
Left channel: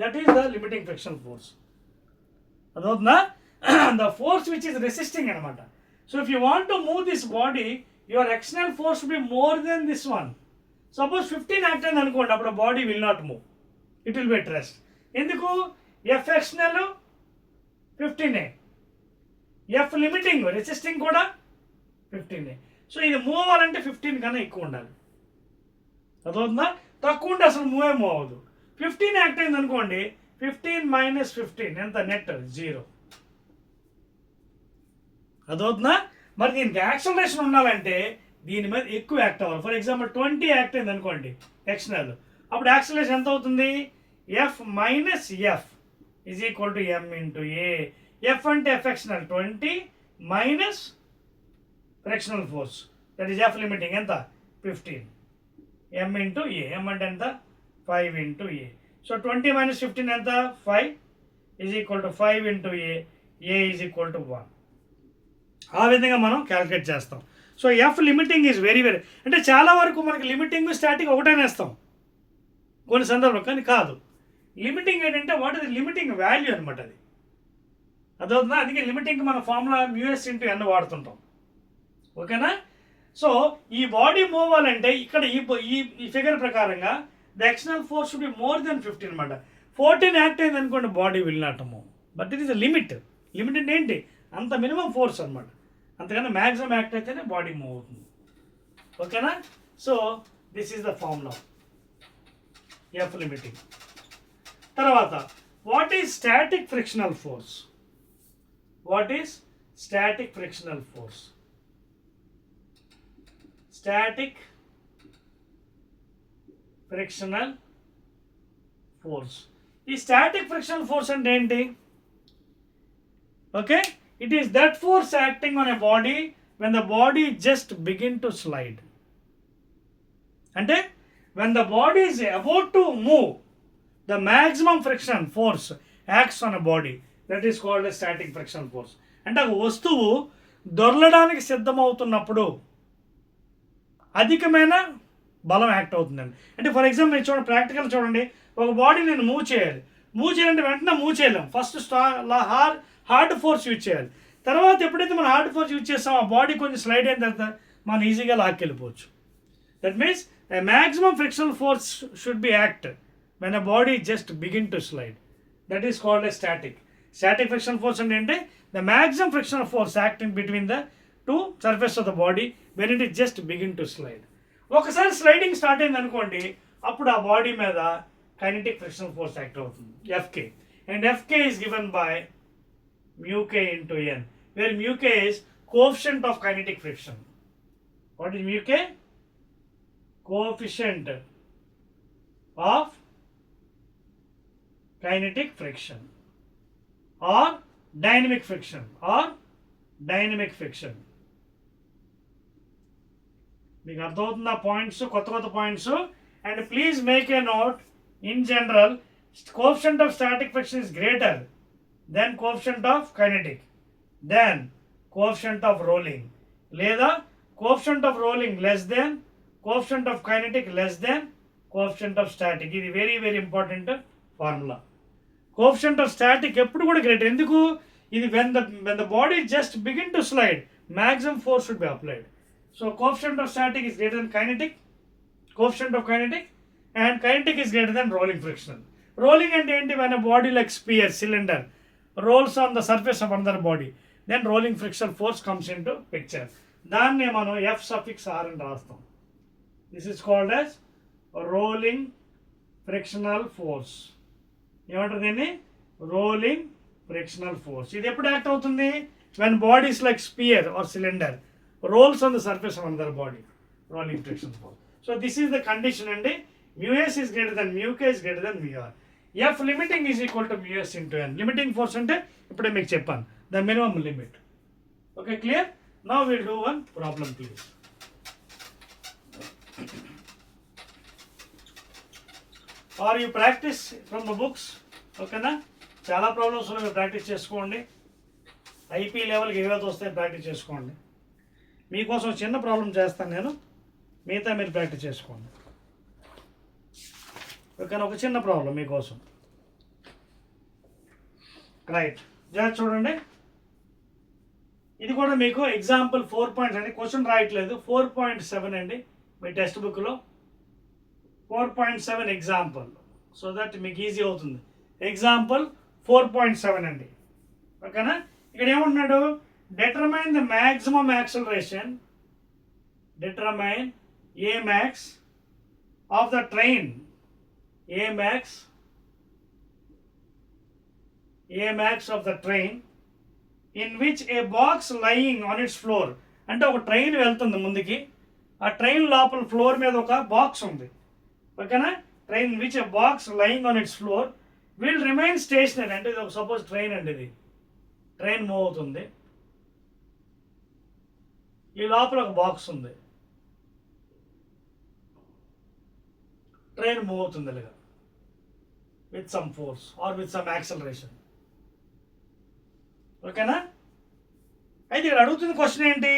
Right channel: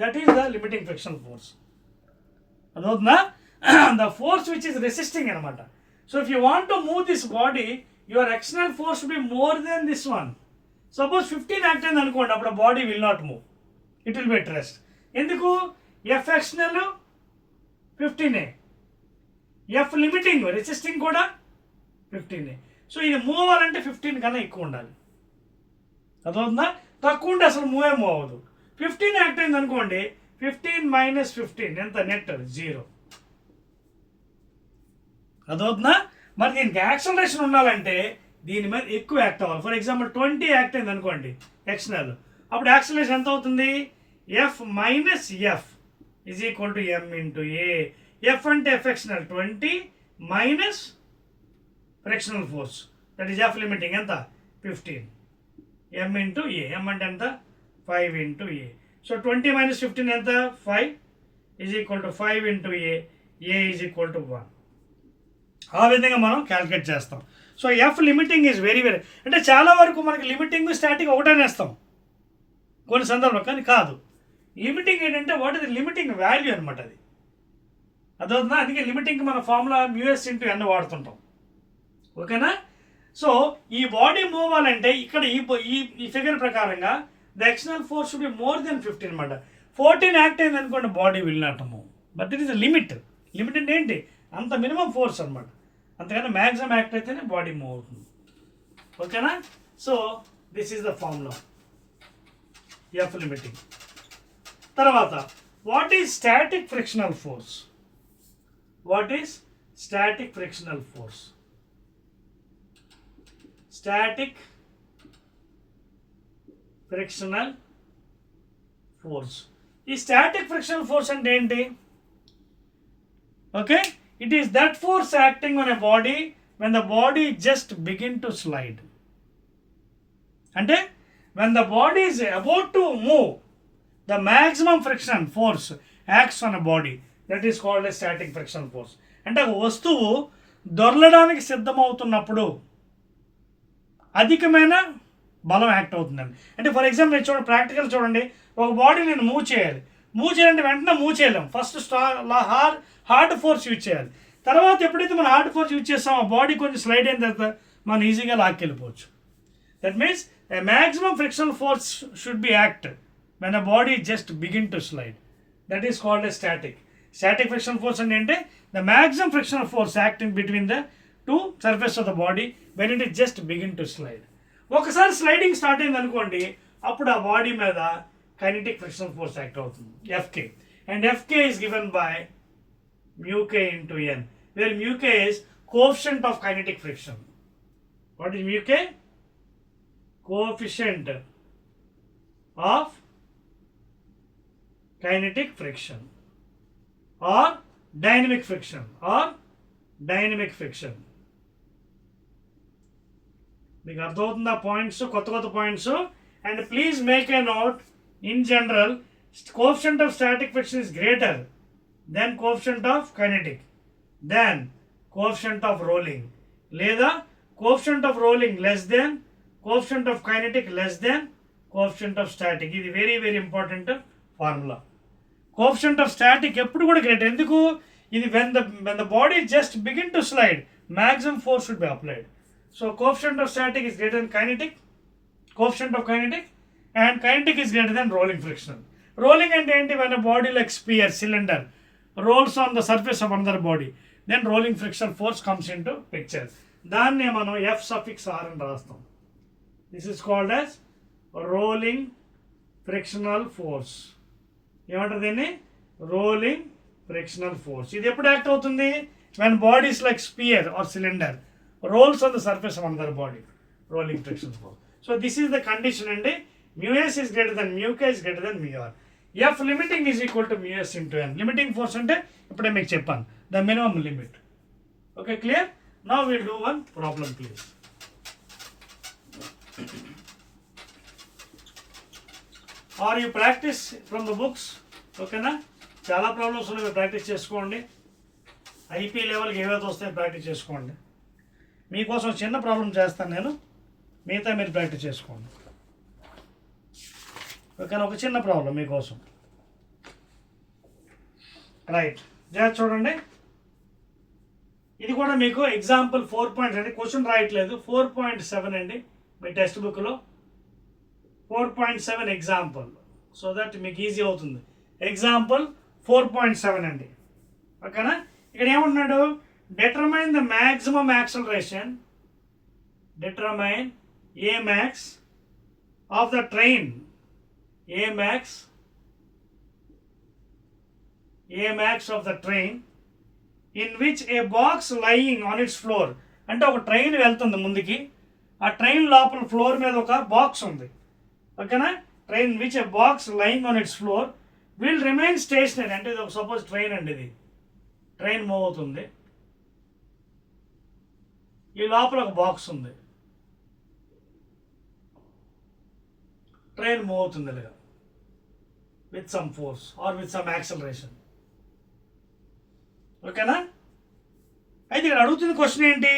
That is the limiting friction force. అదవుతుందా? The force which is resisting అనమాట. So if you want to move this body, your external force should be more than this one. Suppose 15 act అయింది అనుకోండి, అప్పుడు body will not move, it will be at rest. ఎందుకు? F external 15, F limiting resisting కూడా 15. సో ఇది మూవ్ అవ్వాలంటే 15 కన్నా ఎక్కువ ఉండాలి. అదవుతుందా? తక్కువ ఉంటే అసలు మూవ్ అవ్వదు. 15 యాక్ట్ అయింది అనుకోండి, 15 - 15 ఎంత? నెట్ 0. అదవుతుందా? మరి దీనికి యాక్సలరేషన్ ఉండాలంటే దీని మీద ఎక్కువ యాక్ట్ అవ్వాలి. ఫర్ ఎగ్జాంపుల్ 20 యాక్ట్ అయింది అనుకోండి ఎక్స్టర్నల్, అప్పుడు యాక్సలరేషన్ ఎంత అవుతుంది? F minus F is equal to M into A. F అంటే F external 20 minus frictional force, that is F limiting ఎంత? 15. ఎం ఇంటూ ఏ. ఎం అంటే ఎంత? 5 ఇంటూ ఏ. సో 20 - 15 ఎంత? 5 ఈజ్ ఈక్వల్ టు 5 ఇంటూ A. A is equal to 1. ఆ విధంగా మనం క్యాలిక్యులేట్ చేస్తాం. So F limiting is very అంటే చాలా వరకు మనకి లిమిటింగ్ స్టాటిక్ ఒకటేనే వేస్తాం కొన్ని సందర్భంలో, కానీ కాదు. లిమిటింగ్ ఏంటంటే వాట్ ఇస్ లిమిటింగ్ వాల్యూ అనమాట అది. అదవుతుందా? అందుకే లిమిటింగ్ మన ఫార్ములా µs ఇంటూ n వాడుతుంటాం, ఓకేనా. సో ఈ బాడీ మూవ్ అవ్వాలంటే ఇక్కడ ఈ ఫిగర్ ప్రకారంగా the external force should be more than 15 అనమాట. 14 యాక్ట్ అయింది అనుకోండి, body will not move. But it is limit. Limit అంటే ఏంటి? అంత మినిమం ఫోర్స్ అనమాట. అంతకన్నా మ్యాక్సిమం యాక్ట్ అయితేనే బాడీ మూవ్ అవుతుంది, ఓకేనా. So this is the formula F limiting. తర్వాత what is static frictional force? What is static frictional force? Static frictional force. ఈ స్టాటిక్ ఫ్రిక్షనల్ ఫోర్స్ అంటే ఏంటి? Okay, it is that force acting on a body when the body just begin to slide. అంటే when the body is about to move, the maximum friction force acts on a body. That is called a static friction force. అంటే ఒక వస్తువు దొర్లడానికి సిద్ధమవుతున్నప్పుడు అధికమైన బలం యాక్ట్ అవుతుందండి. అంటే ఫర్ ఎగ్జాంపుల్ మీరు చూడండి, ప్రాక్టికల్ చూడండి. ఒక బాడీ నేను మూవ్ చేయాలంటే వెంటనే మూవ్ చేయలేం. ఫస్ట్ హార్డ్ ఫోర్స్ యూజ్ చేయాలి. తర్వాత ఎప్పుడైతే మనం హార్డ్ ఫోర్స్ యూజ్ చేస్తామో ఆ బాడీ కొంచెం స్లైడ్ అయిన తర్వాత మనం ఈజీగా లాక్కెళ్ళిపోవచ్చు. That means a maximum frictional force should be act when a body just begin to slide. That is called a static. Static frictional force అంటే the maximum frictional force acting between the two surface of the body when it is just begin to slide. ఒకసారి sliding start అయింది అనుకోండి, అప్పుడు ఆ బాడీ మీద kinetic frictional force act అవుతుంది, Fk. And Fk is given by μk into n, where μk is coefficient of kinetic friction. What is μk? Coefficient of kinetic friction or dynamic friction మీకు అర్థమవుతుందా points, కొత్త points. And please make a note, in general coefficient of static friction is greater than coefficient of kinetic. Than coefficient of rolling, లేదా coefficient of rolling less than coefficient of kinetic less than coefficient of static. ఇది very very important formula. Coefficient of static ఎప్పుడు కూడా greater. ఎందుకు? ఇది when the body just begin to slide maximum force should be applied. So coefficient of static is greater than kinetic, coefficient of kinetic, and kinetic is greater than rolling friction. Rolling and enti when a body like sphere, cylinder rolls on the surface of another body, then rolling frictional force comes into picture. దాన్ని మనం F suffix R అని రాస్తాం. This is called as rolling frictional force. ఏమంటారు దీన్ని? Rolling frictional force. ఇది ఎప్పుడు యాక్ట్ అవుతుంది? when bodies like sphere or cylinder rolls on the surface of another body, rolling friction force. So this is the condition, and mu s is greater than mu k is greater than mu r. F limiting is equal to mu s into n. Limiting force ante ippude meeku cheppanu, the minimum limit. Okay, clear? Now we'll do one problem, please. Or you practice from the books. Okay na? చాలా ప్రాబ్లమ్స్ ఉన్నాయి, ప్రాక్టీస్ చేసుకోండి. ఐపీ లెవెల్కి ఏవైతే వస్తాయో ప్రాక్టీస్ చేసుకోండి. మీకోసం చిన్న ప్రాబ్లం చేస్తాను నేను, మిగతా మీరు ప్రాక్టీస్ చేసుకోండి. ఓకేనా? ఒక చిన్న ప్రాబ్లం మీకోసం. రైట్, జాగ్రత్త చూడండి. ఇది కూడా మీకు ఎగ్జాంపుల్ 4 పాయింట్స్ అండి, క్వశ్చన్ రాయట్లేదు. 4.7 అండి మీ టెక్స్ట్ బుక్లో. 4.7 ఎగ్జాంపుల్, సో దట్ మీకు ఈజీ అవుతుంది. ఎగ్జాంపుల్ 4.7 అండి. ఓకేనా? ఇక్కడ ఏమంటున్నాడు? Determine the maximum acceleration, determine A max of the train, A max of the train in which a box lying on its floor. అంటే ఒక ట్రైన్ వెళ్తుంది ముందుకి, ఆ ట్రైన్ లోపల ఫ్లోర్ మీద ఒక బాక్స్ ఉంది. ఓకేనా? Train which a box lying on its floor will remain stationary. అంటే ఇది ఒక సపోజ్ ట్రైన్ అండి, ఇది ట్రైన్ మూవ్ అవుతుంది, ఈ లోపల ఒక బాక్స్ ఉంది, ట్రైన్ మూవ్ అవుతుంది ఇలాగా with some force or with some acceleration. ఓకేనా? అయితే ఇక్కడ అడుగుతున్న క్వశ్చన్ ఏంటి?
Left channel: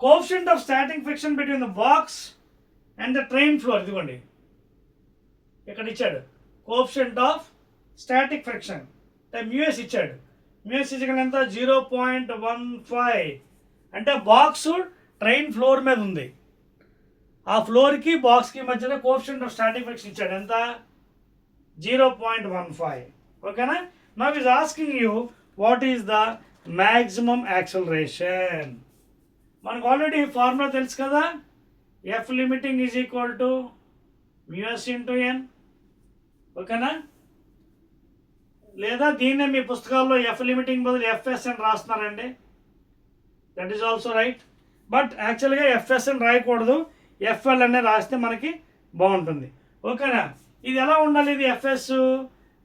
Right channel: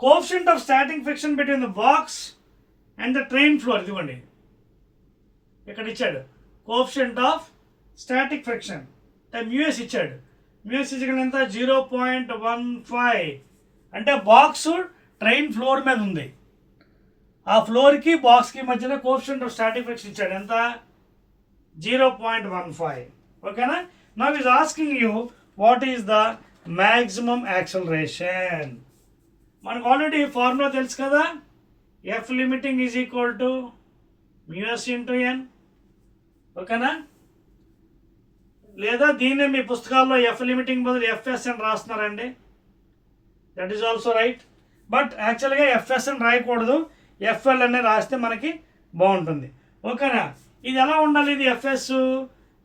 Coefficient of static friction between the box and the train floor. ఇదిగోండి ఇక్కడ ఇచ్చాడు coefficient of static friction, mu s ఇచ్చాడు. మ్యూఎస్ ఇక్కడ ఎంత? 0.15. అంటే బాక్స్ ట్రైన్ ఫ్లోర్ మీద ఉంది, ఆ ఫ్లోర్కి బాక్స్కి మధ్యలో కోఎఫిషియంట్ ఆఫ్ స్టాటిక్ ఫ్రిక్షన్ ఇచ్చాడు. ఎంత? 0.15. ఓకేనా? Now is asking you what is the maximum acceleration. మనకు ఆల్రెడీ ఫార్ములా తెలుసు కదా, F limiting is equal to mu s into N. ఓకేనా? లేదా దీన్నే మీ పుస్తకాల్లో ఎఫ్ లిమిటింగ్ బదులు ఎఫ్ఎస్ అని రాస్తున్నారండి, that is also right. But యాక్చువల్గా ఎఫ్ఎస్ అని రాయకూడదు, ఎఫ్ఎల్ అనే రాస్తే మనకి బాగుంటుంది. ఓకేనా? ఇది ఎలా ఉండాలి? ఇది FS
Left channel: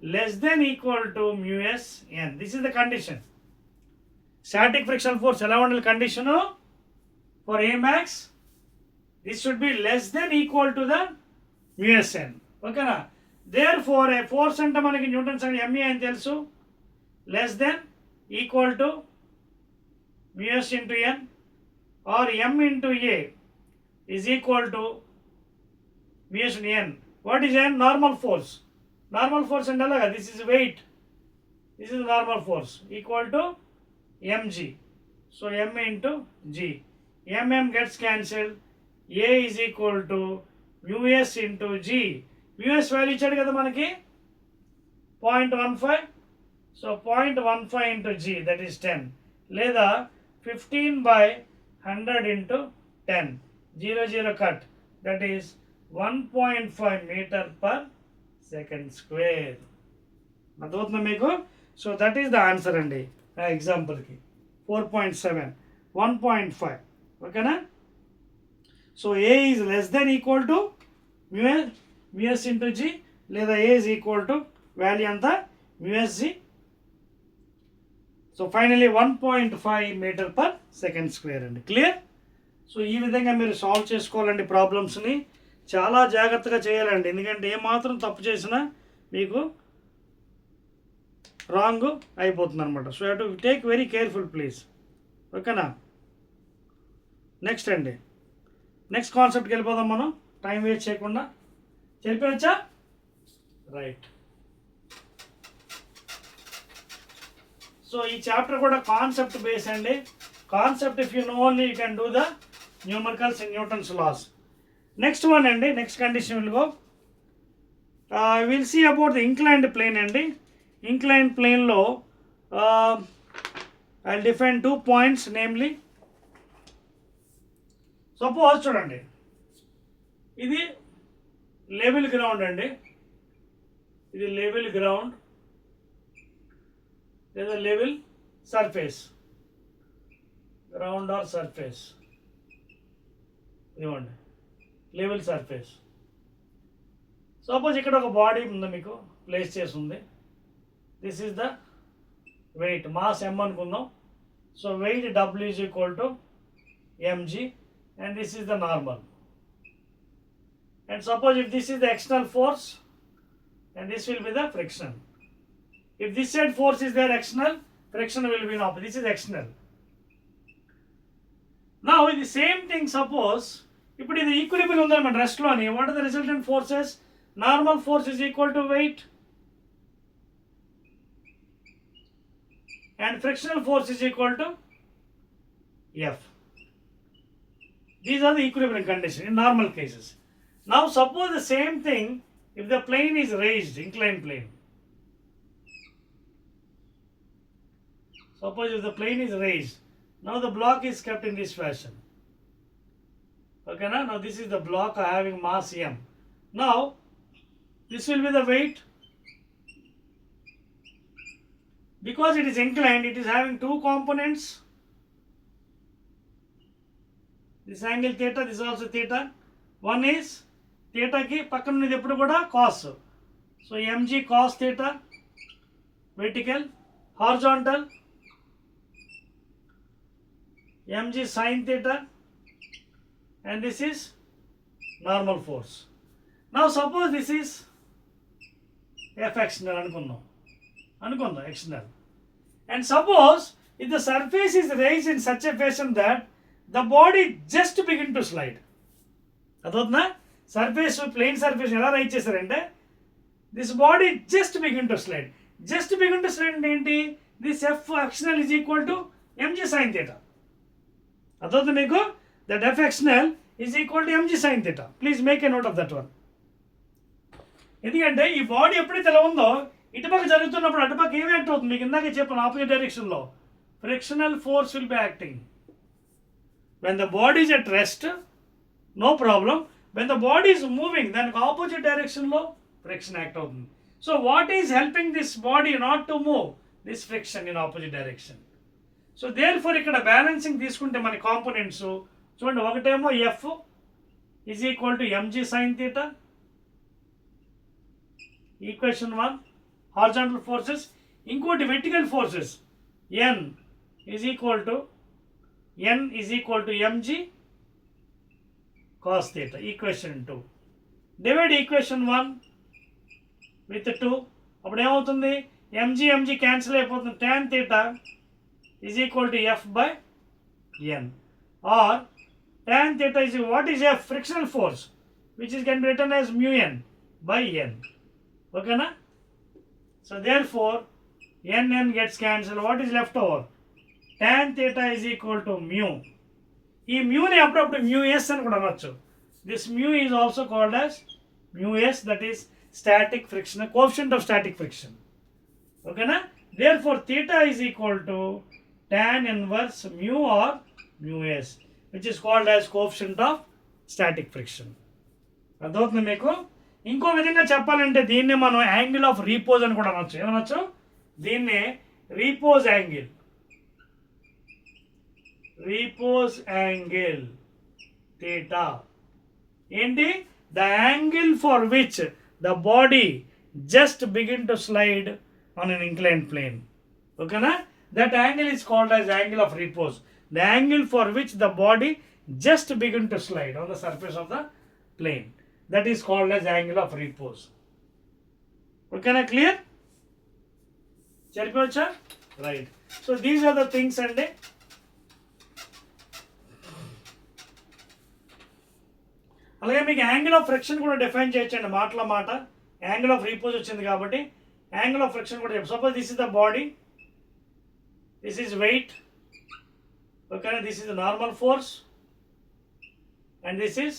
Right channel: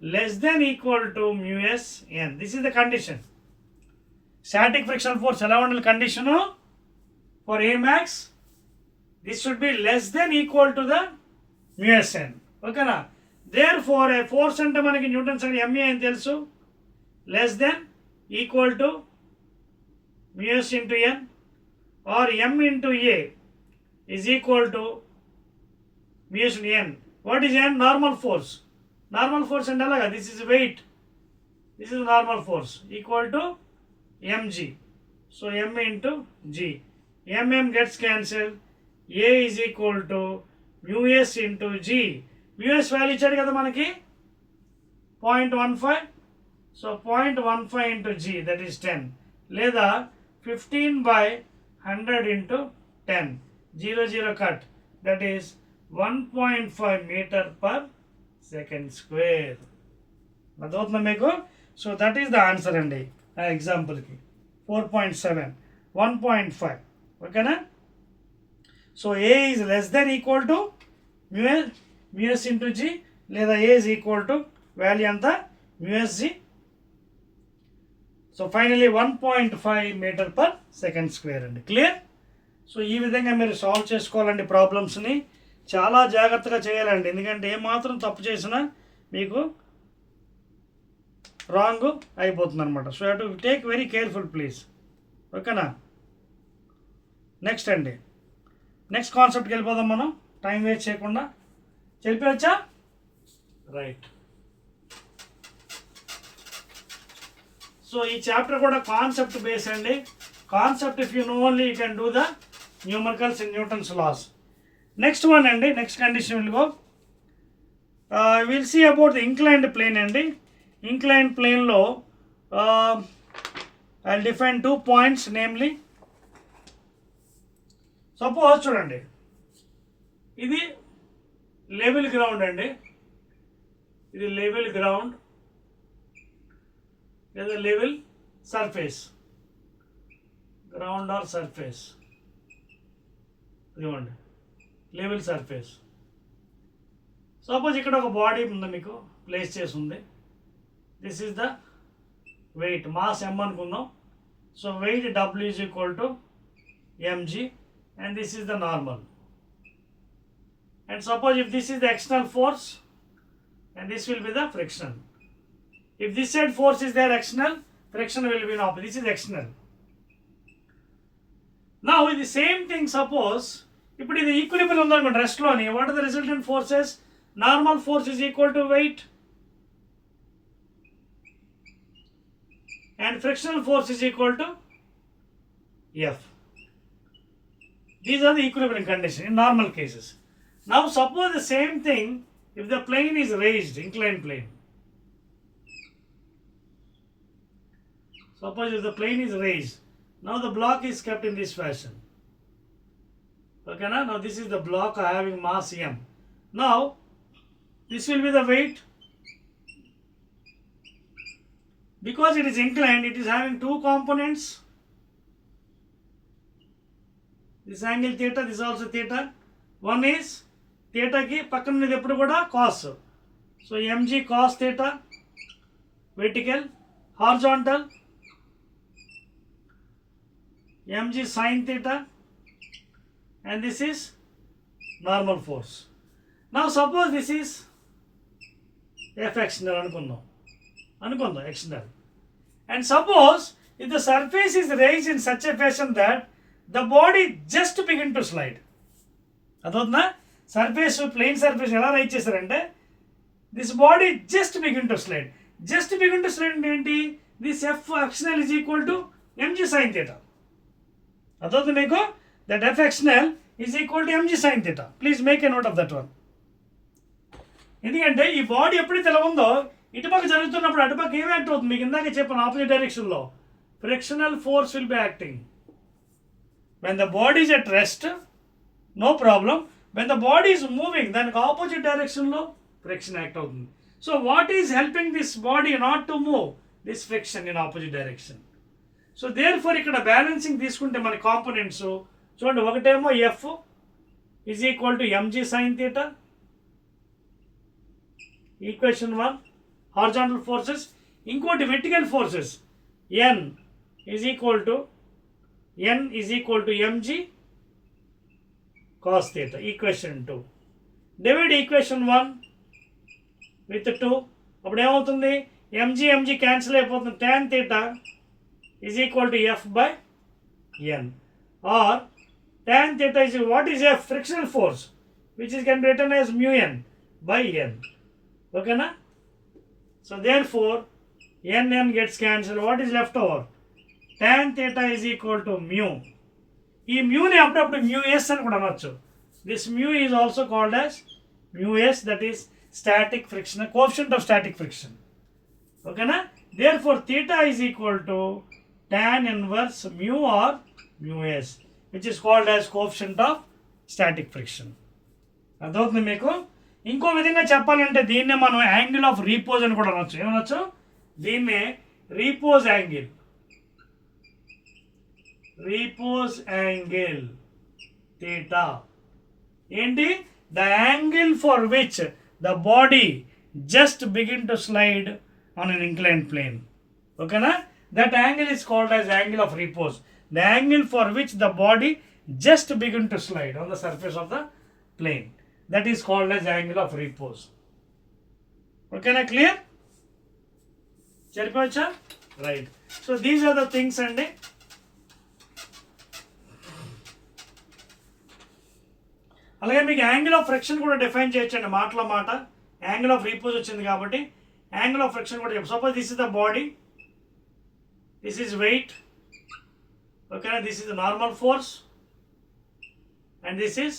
less than equal to mu s N. This is the condition. Static friction force ఎలా ఉండాలి? Condition for a max this should be less than equal to the mu s N. ఓకేనా? దేర్ ఫోర్ ఏ ఫోర్స్ అంటే మనకి న్యూటన్ సెకండ్ ఎంఏ అని తెలుసు, less than equal to mu s into N or M into A is equal to mu s into N. What is N? Normal force. Normal force అంటే అలాగా, this is weight, this is normal force equal to MG. So M into G, MM gets cancelled, A is equal to mu s into G. Mu s value ఇచ్చాడు కదా మనకి 0.15. So 0.15 into G that is 10, లేదా 15/100 ఇంటూ 10, 0 cut, that is 1.5 meter per second square. అర్థమవుతుందా మీకు? So that is the answer అండి ఆ ఎగ్జాంపుల్కి. 4.7 1.5. ఓకేనా? So A is less than equal to mu s into G, లేదా A is equal to value అంతా mu s G. So finally 1.5 meter per second square అండి. Clear? So ఈ విధంగా మీరు సాల్వ్ చేసుకోవాలండి ప్రాబ్లమ్స్ని. చాలా జాగ్రత్తగా చేయాలండి, ఎందుకంటే ఏమాత్రం తప్పు చేసినా మీకు రాంగ్ అయిపోతుంది అనమాట. So you to take very careful please. ఓకేనా? నెక్స్ట్ అండి, నెక్స్ట్ కాన్సెప్ట్కి వెళ్ళిపోదాం మనం, టైం వేస్ట్ చేయకుండా. చెప్పవచ్చా? రైట్. సో ఈ చాప్టర్ కూడా కాన్సెప్ట్ బేస్ అండి. Concept if you know only you can do the numericals in Newton's laws. Next one అండి, next condition will go, will see about the inclined plane అండి. Inclined ప్లేన్లో I define 2 points, namely suppose చూడండి, ఇది level ground అండి, ఇది level ground లేదా level surface, ground or surface, ఇదిగోండి level surface. Suppose ఇక్కడ ఒక బాడీ ఉంది, మీకు ప్లేస్ చేసి ఉంది. This is the weight, mass m అనుకుందాం. So weight W is equal to mg and this is the normal. And suppose if this is the external force and this will be the friction. If this side force is there external, friction will be opposite. This is external. Now the same thing, suppose ఇప్పుడు ఇది equilibrium ఉందన్నమాట రెస్ట్లోని. What are the resultant forces? Normal force is equal to weight and frictional force is equal to F. These are the equilibrium conditions in normal cases. Now suppose the same thing if the plane is raised, inclined plane. Suppose if the plane is raised, now the block is kept in this fashion. Okay, now this is the block having mass m. Now this will be the weight. Because it is inclined, it is having 2 components. This angle theta, this also theta. One is theta ki pakkana unnadi eppudu kuda cos. So mg cos theta, vertical, horizontal, mg sin theta, and this is normal force. Now suppose this is f external అనుకుందాం external. And suppose if the surface is raised in such a fashion that the body just begin to slide. అదవుతుందా? Surface, plane surface ఎలా raise చేశారంటే this body just begin to slide. Just begin to slide అంటే ఏంటి? This F external is equal to MG sine theta. అదవుతుంది మీకు? That F external is equal to MG sine theta. Please make a note of that one. ఎందుకంటే ఈ బాడీ ఎప్పుడైతే ఎలా ఉందో ఇటుపక్క జరుగుతున్నప్పుడు అటుపక్క ఏం యాక్ట్ అవుతుంది? మీకు ఇందాక చెప్పిన ఆపోజిట్ డైరెక్షన్లో frictional force will be acting. When the body is at rest, no problem. When the body is moving, దానికి ఆపోజిట్ డైరెక్షన్లో ఫ్రిక్షన్ యాక్ట్ అవుతుంది. So what is helping this body not to move? This friction in opposite direction. So therefore ఇక్కడ balancing తీసుకుంటే మన components చూడండి, ఒకటేమో F is equal to MG sine theta, equation 1 horizontal forces. ఇంకోటి vertical forces, n is equal to mg cos theta, equation 2. Divide equation 1 with 2, అప్పుడు ఏమవుతుంది? mg cancel అయిపోతుంది. tan theta is equal to f by n, or tan theta is what is f? Frictional force, which is can be written as mu n by n. Okay na? So therefore n gets cancelled. What is left over? Tan theta is equal to mu. ఈ మ్యూని అప్పుడప్పుడు mu s అని కూడా అనొచ్చు. This mu is also called as mu s, that is static friction, coefficient of static friction. Okay na? Therefore theta is equal to tan inverse mu or mu s, which is called as coefficient of static friction. అర్థమవుతుంది మీకు? ఇంకో విధంగా చెప్పాలంటే దీన్నే మనం angle of Repos అని కూడా అనొచ్చు. ఏమనొచ్చు? దీన్నే repose angle, repose angle theta. ఏంటి? The angle for which the body just begin to slide on an inclined plane. ఓకేనా? That angle is called as angle of repose. The angle for which the body just begin to slide on the surface of the plane, that is called as angle of repose. Okay na? Clear? సరిపోవచ్చా? Right. So these are the things అండి. అలాగే మీకు angle of friction కూడా define చేయొచ్చండి, మాటలో మాట. Angle of Repos వచ్చింది కాబట్టి యాంగిల్ ఆఫ్ ఫ్రిక్షన్ కూడా చెప్పు. Suppose this is the body, this is weight, ఓకేనా, this is the normal force and this is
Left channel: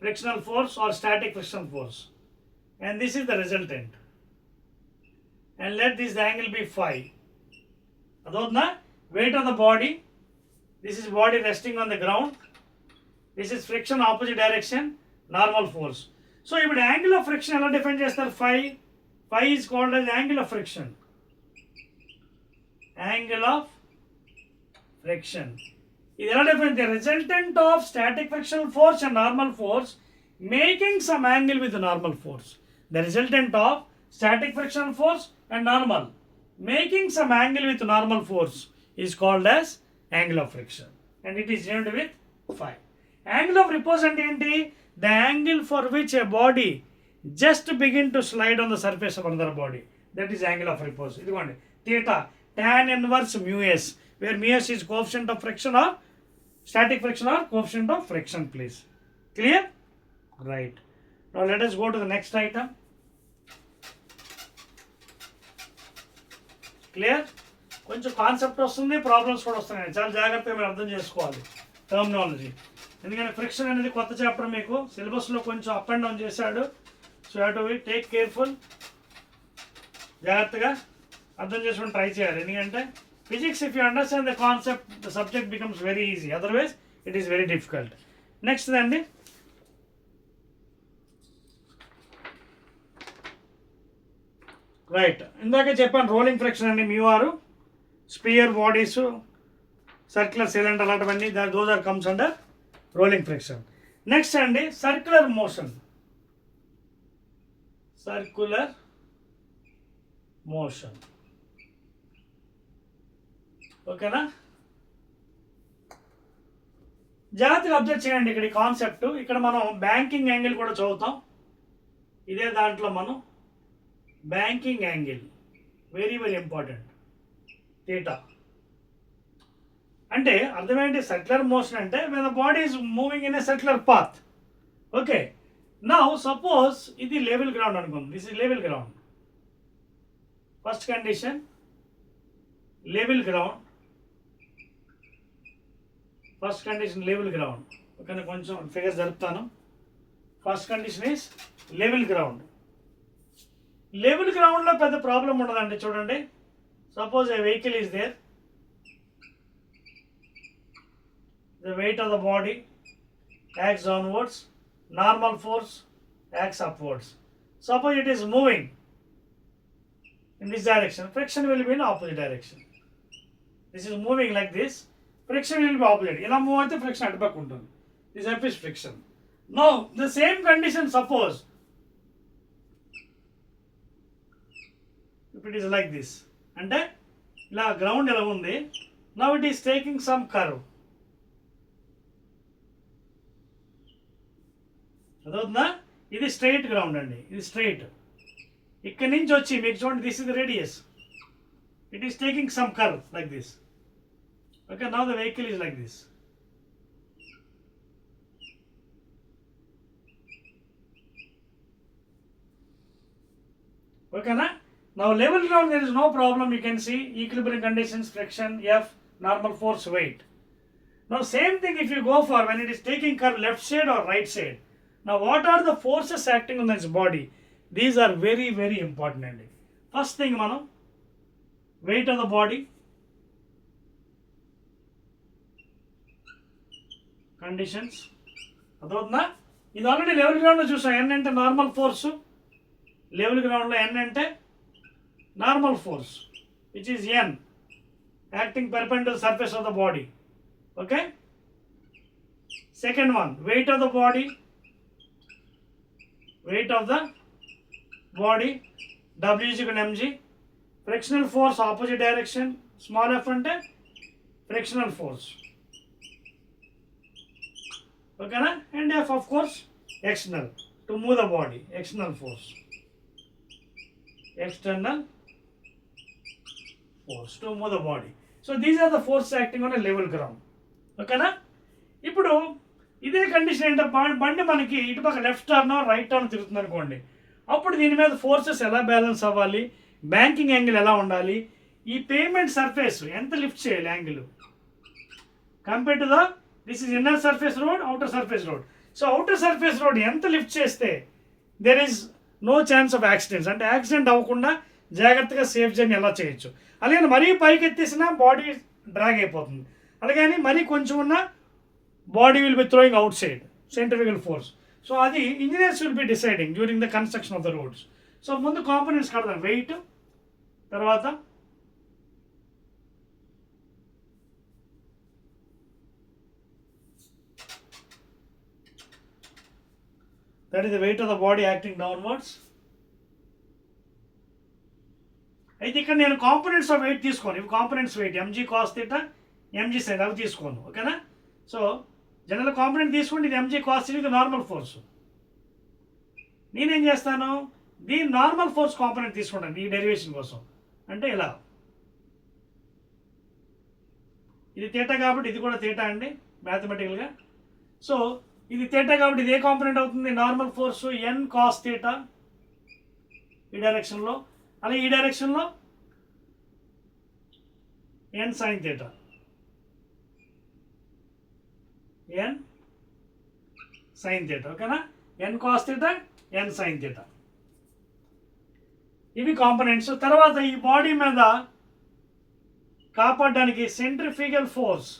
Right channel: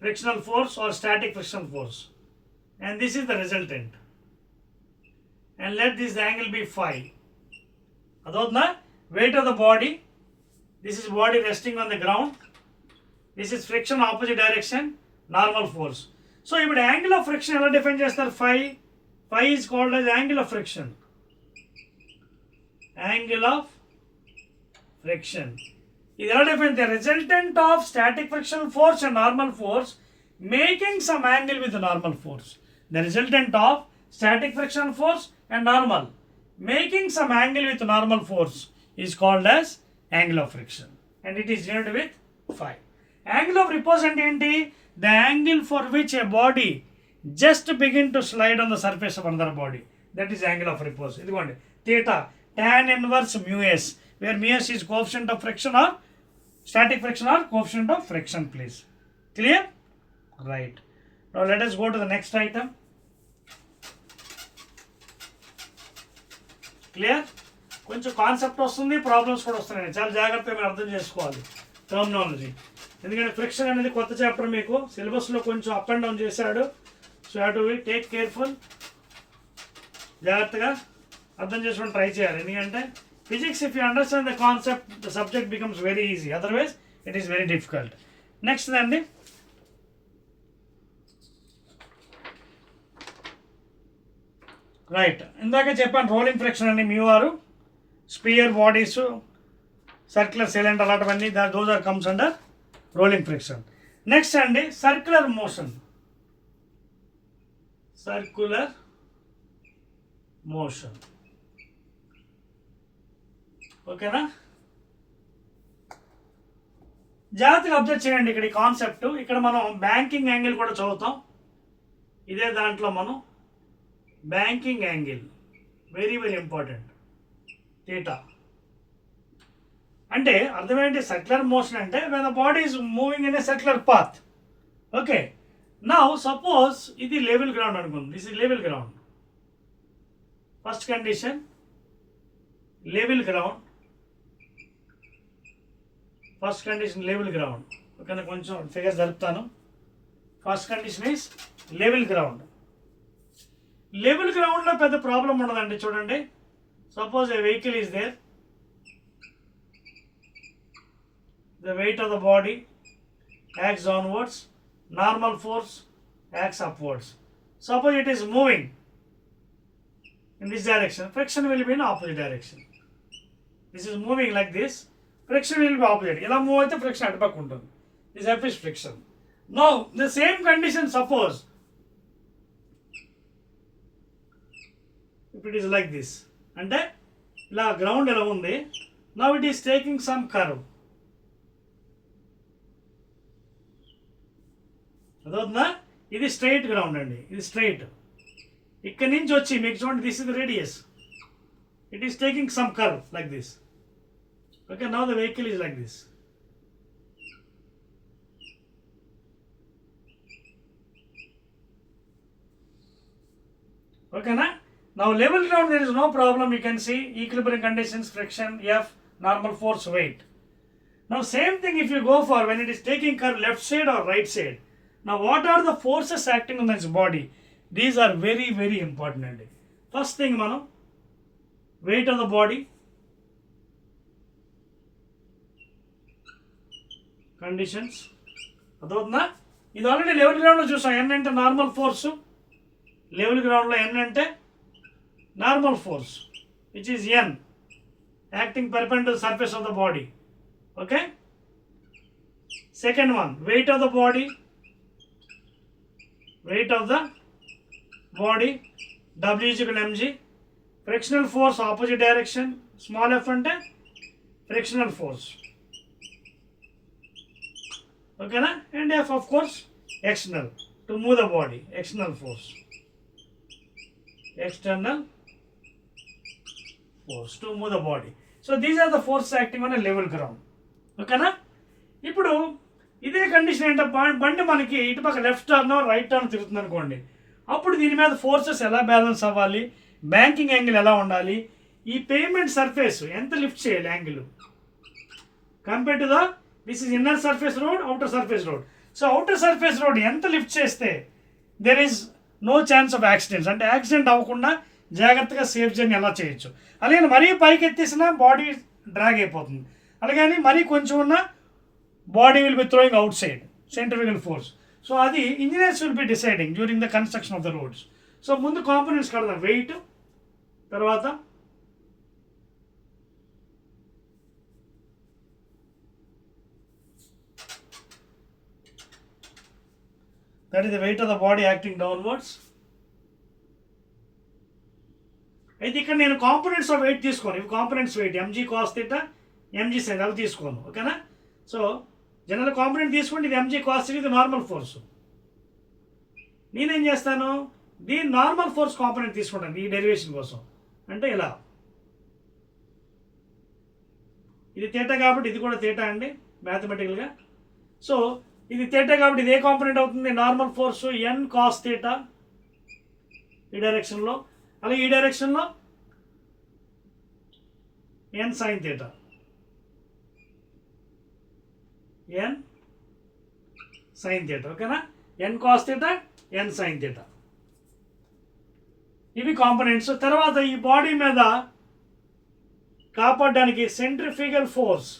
frictional force or static frictional force, and this is the resultant, and let this angle be phi. Adotna weight of the body, this is body resting on the ground, this is friction opposite direction, normal force. So if the angle of friction ela define chestar, phi is called as angle of friction, angle of friction. This is the resultant of static frictional force and normal force making some angle with the normal force. The resultant of static frictional force and normal making some angle with normal force is called as angle of friction, and it is denoted with phi. Angle of repose and enti, the angle for which a body just begin to slide on the surface of another body, that is angle of repose. Idikondi theta tan inverse mu s, where mu s is coefficient of friction or static friction or coefficient of friction, please. Clear? Right. Now let us go to the next item. Clear? కొంచెం కాన్సెప్ట్ వస్తుంది, ప్రాబ్లమ్స్ కూడా వస్తున్నాయి. చాలా జాగ్రత్తగా మీరు అర్థం చేసుకోవాలి టర్మినాలజీ. ఎందుకంటే ఫ్రిక్షన్ అనేది కొత్త చాప్టర్, మీకు సిలబస్లో కొంచెం అప్ అండ్ డౌన్ చేశాడు. So have to be take careful. జాగ్రత్తగా అర్థం చేసుకొని ట్రై చేయాలి. ఎందుకంటే physics, if you understand the concept, the subject becomes very easy, otherwise it is very difficult. Next then, right, ఇందాక చెప్పాను రోలింగ్ ఫ్రిక్షన్ అని, mu r, sphere bodies, circular cylinder అలాంటివన్నీ, those are comes under rolling friction. Next అండి circular motion. Circular motion, ఓకేనా? జాగ్రత్తగా అబ్జర్వ్ చేయండి ఇక్కడ ఈ కాన్సెప్ట్. ఇక్కడ మనం బ్యాంకింగ్ యాంగిల్ కూడా చదువుతాం. ఇదే దాంట్లో మనం banking angle very very important, theta. అంటే అర్థమేంటి? సర్క్యులర్ మోషన్ అంటే when the body is moving in a circular path. Okay, now suppose ఇది లెవెల్ గ్రౌండ్ అనుకుందాం. This is level ground. First condition level ground, first condition level ground. ఓకేనా, కొంచెం figure జరుపుతాను. First condition is level ground. Level గ్రౌండ్లో పెద్ద problem ఉండదండి. చూడండి, suppose a vehicle is there, the weight of the body acts downwards, normal force acts upwards. Suppose it is moving in this direction, friction will be in opposite direction. This is moving like this, friction will be opposite. Ila move aithe friction atu pakku untundi. This F is friction. Now the same condition, suppose if it is like this, ante ila ground ela undi, now it is taking some curve. అదవుతుందా? ఇది straight ground అండి, ఇది స్ట్రైట్. ఇక్కడి నుంచి వచ్చి మీకు చూడండి, this is the radius, it is taking some curve like this. Okay, now the vehicle is like this. ఓకేనా? Now level ground there is no problem. You can see equilibrium conditions, friction, F, normal force, weight. Now same thing if you go for when it is taking curve left side or right side. Now what are the forces acting on this body? These are very very important అండి. First thing మనం weight of the body, conditions. అదవుతుందా? ఇది already level గ్రౌండ్లో చూసాం. ఎన్ అంటే normal force, level గ్రౌండ్లో N అంటే normal force which is N acting perpendicular surface of the body. Okay, second one, weight of the body, weight of the body, W is equal to mg. Frictional force opposite direction, small f ante frictional force. Okay na? And F of course external, to move the body, external force, external force to move the body. So these are the forces acting on a level ground. ఓకేనా? ఇప్పుడు ఇదే కండిషన్ ఏంటంటే బండి మనకి ఇటుపక్క left turn right turn తిరుగుతుంది అనుకోండి, అప్పుడు దీని మీద ఫోర్సెస్ ఎలా బ్యాలెన్స్ అవ్వాలి, బ్యాంకింగ్ యాంగిల్ ఎలా ఉండాలి, ఈ పేమెంట్ సర్ఫేస్ ఎంత లిఫ్ట్ చేయాలి angle compare to this is inner surface road, outer surface road. So outer surface road ఎంత లిఫ్ట్ చేస్తే there is no chance of accidents, అంటే యాక్సిడెంట్ అవ్వకుండా జాగ్రత్తగా సేఫ్ జర్నీ ఎలా చేయొచ్చు. అలాగే మరీ పైకి ఎత్తేసినా బాడీ డ్రాగ్ అయిపోతుంది, అలాగని మరీ కొంచెం ఉన్న body will be throwing outside centrifugal force. So అది engineers will be deciding during the construction of the roads. So ముందు కాంపోనెంట్స్ కడదాం, వెయిట్, తర్వాత that is the weight of the body acting downwards. అయితే ఇక్కడ నేను components of weight తీసుకోను, ఇవి components weight mg cos theta, mg sine అవి తీసుకోను. ఓకేనా? సో జనరల్ కాంపోనెంట్ తీసుకోండి, ఇది ఎంజీ కాస్ థీటా, ఇది నార్మల్ ఫోర్స్. నేనేం చేస్తాను, దీని నార్మల్ ఫోర్స్ కాంపోనెంట్ తీసుకుంటాను ఈ డెరివేషన్ కోసం. అంటే ఇలా ఇది థీటా కాబట్టి ఇది కూడా థీటా అండి మ్యాథమెటికల్గా. సో ఇది థీటా కాబట్టి ఇది ఏ కాంపోనెంట్ అవుతుంది, normal force N cos theta ఈ డైరెక్షన్లో, అలాగే ఈ డైరెక్షన్లో N sign theta, N sign theta. ఓకేనా? N cos theta, N sign theta, ఇవి కాంపోనెంట్స్. తర్వాత ఈ బాడీ మీద కాపాడడానికి centrifugal force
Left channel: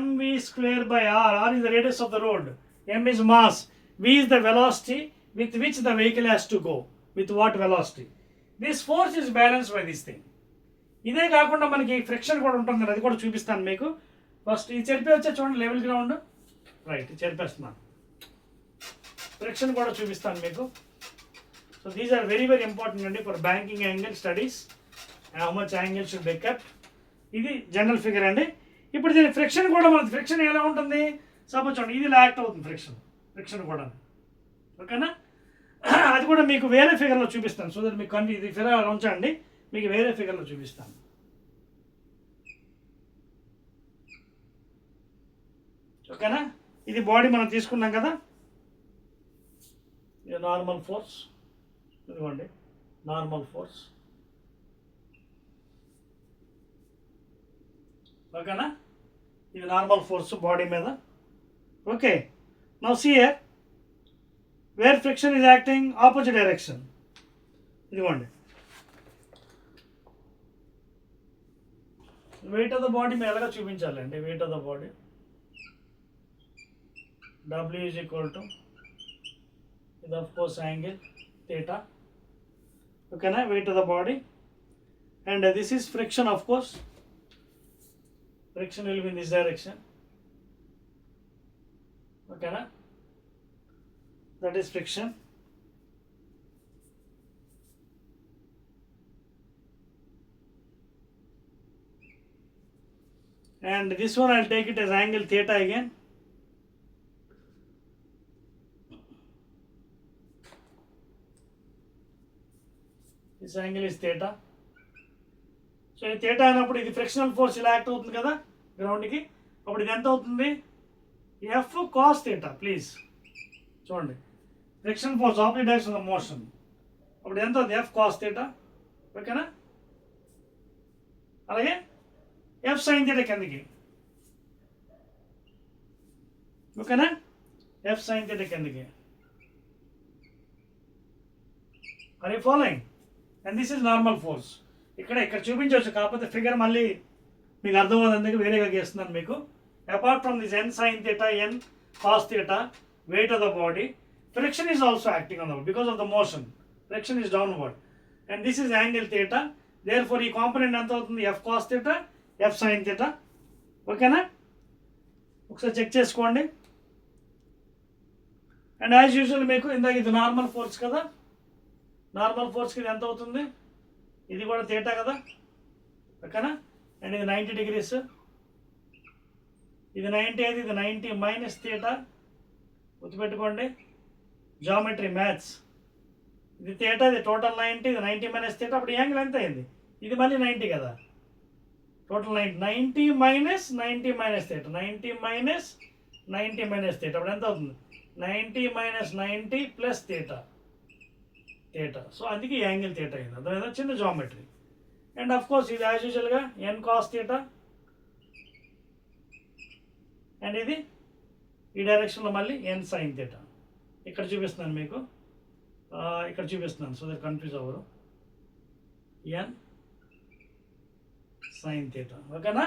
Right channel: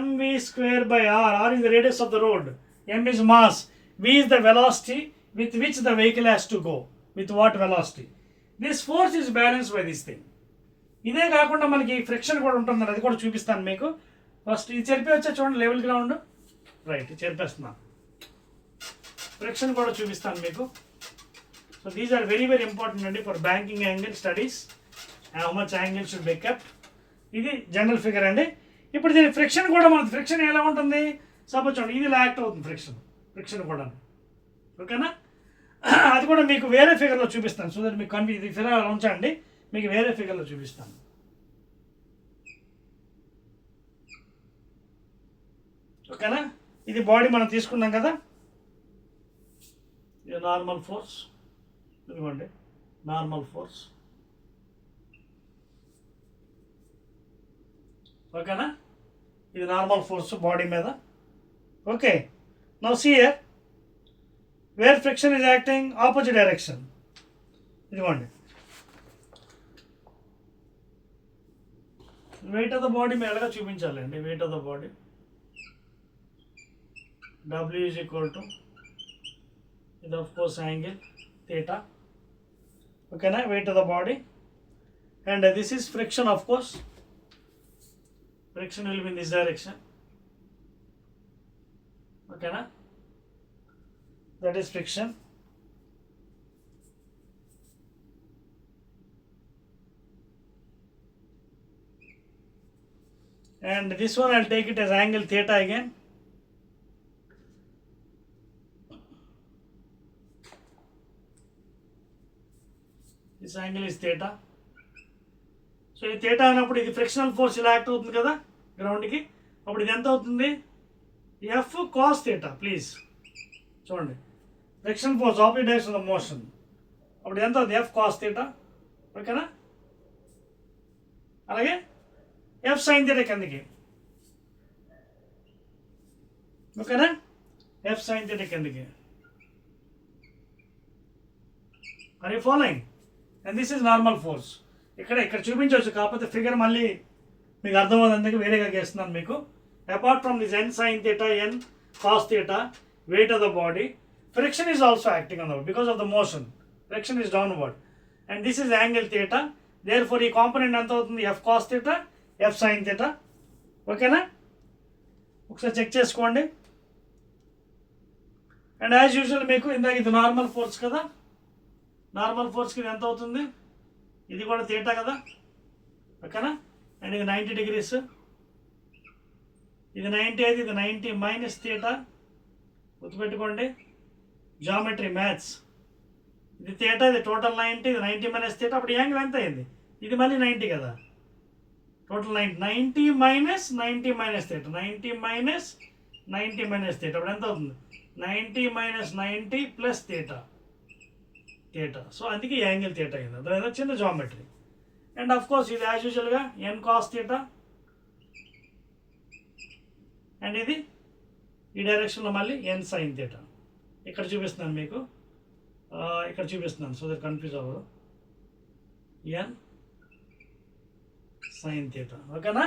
mv square by r, r is the radius of the road, m is mass, v is the velocity with which the vehicle has to go, with what velocity. This force is balanced by this thing. ఇదే కాకుండా మనకి ఫ్రిక్షన్ కూడా ఉంటుంది, అది కూడా చూపిస్తాను మీకు. ఫస్ట్ ఇది చెరిపేవచ్చా చూడండి, లెవెల్ గ్రౌండ్ రైట్ చెరిపేస్తున్నాను, ఫ్రిక్షన్ కూడా చూపిస్తాను మీకు. So these are very very important అండి for banking angle studies, how much angle should be kept. ఇది జనరల్ ఫిగర్ అండి. ఇప్పుడు దీని ఫ్రిక్షన్ కూడా మనకి ఫ్రిక్షన్ ఎలా ఉంటుంది, సపోజ్ చూడండి ఇది యాక్ట్ అవుతుంది ఫ్రిక్షన్ కూడా. ఓకేనా? అది కూడా మీకు వేరే ఫిగర్లో చూపిస్తాను. సో దట్ మీకు ఇది ఫిగర్ ఉంచండి, మీకు వేరే ఫిగర్లో చూపిస్తాను. ఓకేనా? ఇది బాడీ మనం తీసుకున్నాం కదా, ఇది నార్మల్ ఫోర్స్, ఇదిగోండి నార్మల్ ఫోర్స్. ఓకేనా? ఇది నార్మల్ ఫోర్స్ బాడీ మీద. Okay, now see here where friction is acting opposite direction. ఇదిగోండి వెయిట్ ఆఫ్ ద బాడీ మీద ఎలాగా చూపించాలి అంటే, weight of the body W is equal to ఇది ఆఫ్ కోర్స్ యాంగిల్ థీటా. ఓకేనా? Weight of the body and this is friction. Of course friction will be in this direction. Okay na? That is friction. And this one I'll take it as angle theta again. This angle is theta. So ఇది థీటా అయినప్పుడు ఇది frictional force ఇలా యాక్ట్ అవుతుంది కదా గ్రౌండ్కి, అప్పుడు ఇది ఎంత అవుతుంది, ఎఫ్ కాస్ థీటా. ప్లీజ్ చూడండి, friction force opposite direction of motion, అప్పుడు ఎంత అవుతుంది, ఎఫ్ కాస్ థీటా. ఓకేనా? అలాగే ఎఫ్ సైన్ థీటా కిందకి. ఓకేనా? ఎఫ్ సైన్ థీటా కిందకి. Are you following? And this is normal force. ఇక్కడ చూపించవచ్చు, కాకపోతే ఫిగర్ మళ్ళీ మీకు అర్థమవుతుంది, వేరేగా చేస్తున్నాను మీకు. Apart from this N sign theta, N cos theta, weight of the body, friction is also acting on the body because of the motion. Friction is downward and this is angle theta. Therefore ఈ component ఎంత అవుతుంది, F cos theta, F sign theta. ఓకేనా? ఒకసారి చెక్ చేసుకోండి. And as usual మీకు ఇందాక ఇది normal force కదా, నార్మల్ ఫోర్స్కి ఇది ఎంత అవుతుంది, ఇది కూడా థీటా కదా. ఓకేనా? అండ్ ఇది 90 degrees, ఇది 90, అయితే ఇది 90 మైనస్ థీటా. గుర్తుపెట్టుకోండి, జామెట్రీ మ్యాథ్స్. ఇది థీటా, ఇది టోటల్ 90, ఇది 90 మైనస్ థీటా. అప్పుడు యాంగిల్ ఎంత అయింది, ఇది మళ్ళీ 90 కదా, టోటల్ 90 మైనస్ 90 మైనస్ థీటా, 90 మైనస్ 90 మైనస్ థీటా, అప్పుడు ఎంత అవుతుంది 90 మైనస్ 90 ప్లస్ థీటా, సో అందుకే యాంగిల్ థీటా అయింది. అదే చిన్న జామెట్రీ. అండ్ ఆఫ్ కోర్స్ ఇది యాజ్ యూజువల్గా ఎన్ కాస్ థీటా, అండ్ ఇది ఈ డైరెక్షన్లో మళ్ళీ ఎన్ సైన్ థీటా. ఇక్కడ చూపిస్తున్నాను మీకు, ఇక్కడ చూపిస్తున్నాను సో దట్ కన్ఫ్యూజ్ అవ్వదు, ఎన్ సైన్ థీటా. ఓకేనా,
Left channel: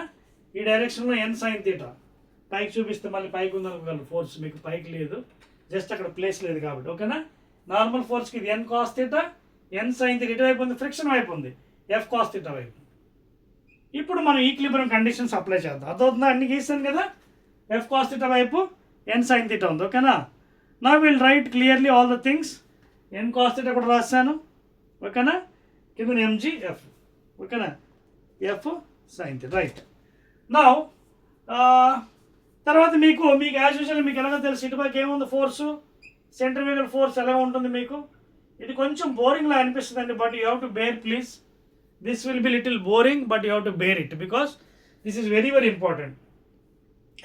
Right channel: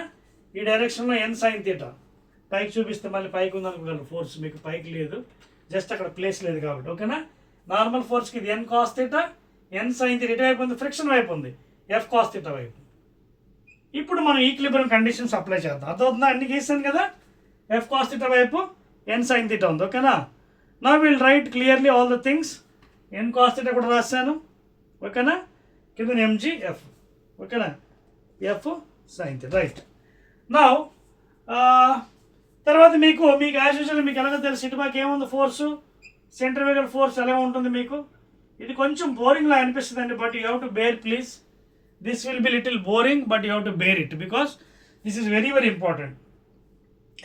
ఈ డైరెక్షన్లో ఎన్ సైన్ థీటా. పైకి చూపిస్తే మళ్ళీ పైకి ఉందనుకోగలరు ఫోర్స్, మీకు పైకి లేదు, జస్ట్ అక్కడ ప్లేస్ లేదు కాబట్టి. ఓకేనా, నార్మల్ ఫోర్స్కి ఇది ఎన్ cos theta, N sine theta ఇటువైపు ఉంది, ఫ్రిక్షన్ వైపు ఉంది ఎఫ్ కాస్ థీటా వైపు. ఇప్పుడు మనం ఈక్విలిబ్రియం కండిషన్స్ అప్లై చేద్దాం. అర్థమవుతుందా, అన్ని గీసాను కదా, ఎఫ్ కాస్ థీటా వైపు ఎన్ సైన్ థీటా ఉంది. ఓకేనా, నా will write clearly all the things. N cos theta కూడా రాశాను. ఓకేనా, కింద ఎంజీ ఎఫ్. ఓకేనా, ఎఫ్ సైన్ థీటా. రైట్ నా తర్వాత మీకు యాజ్ యూజువల్ మీకు ఎలాగో తెలుసు, ఇటుపక్క ఏముంది ఫోర్సు, సెంట్రిఫ్యూగల్ ఫోర్స్ ఎలా ఉంటుంది మీకు. ఇది కొంచెం బోరింగ్లా అనిపిస్తుంది అండి, but you have to bear please. This will be little boring but you have to bear it because this is very very important.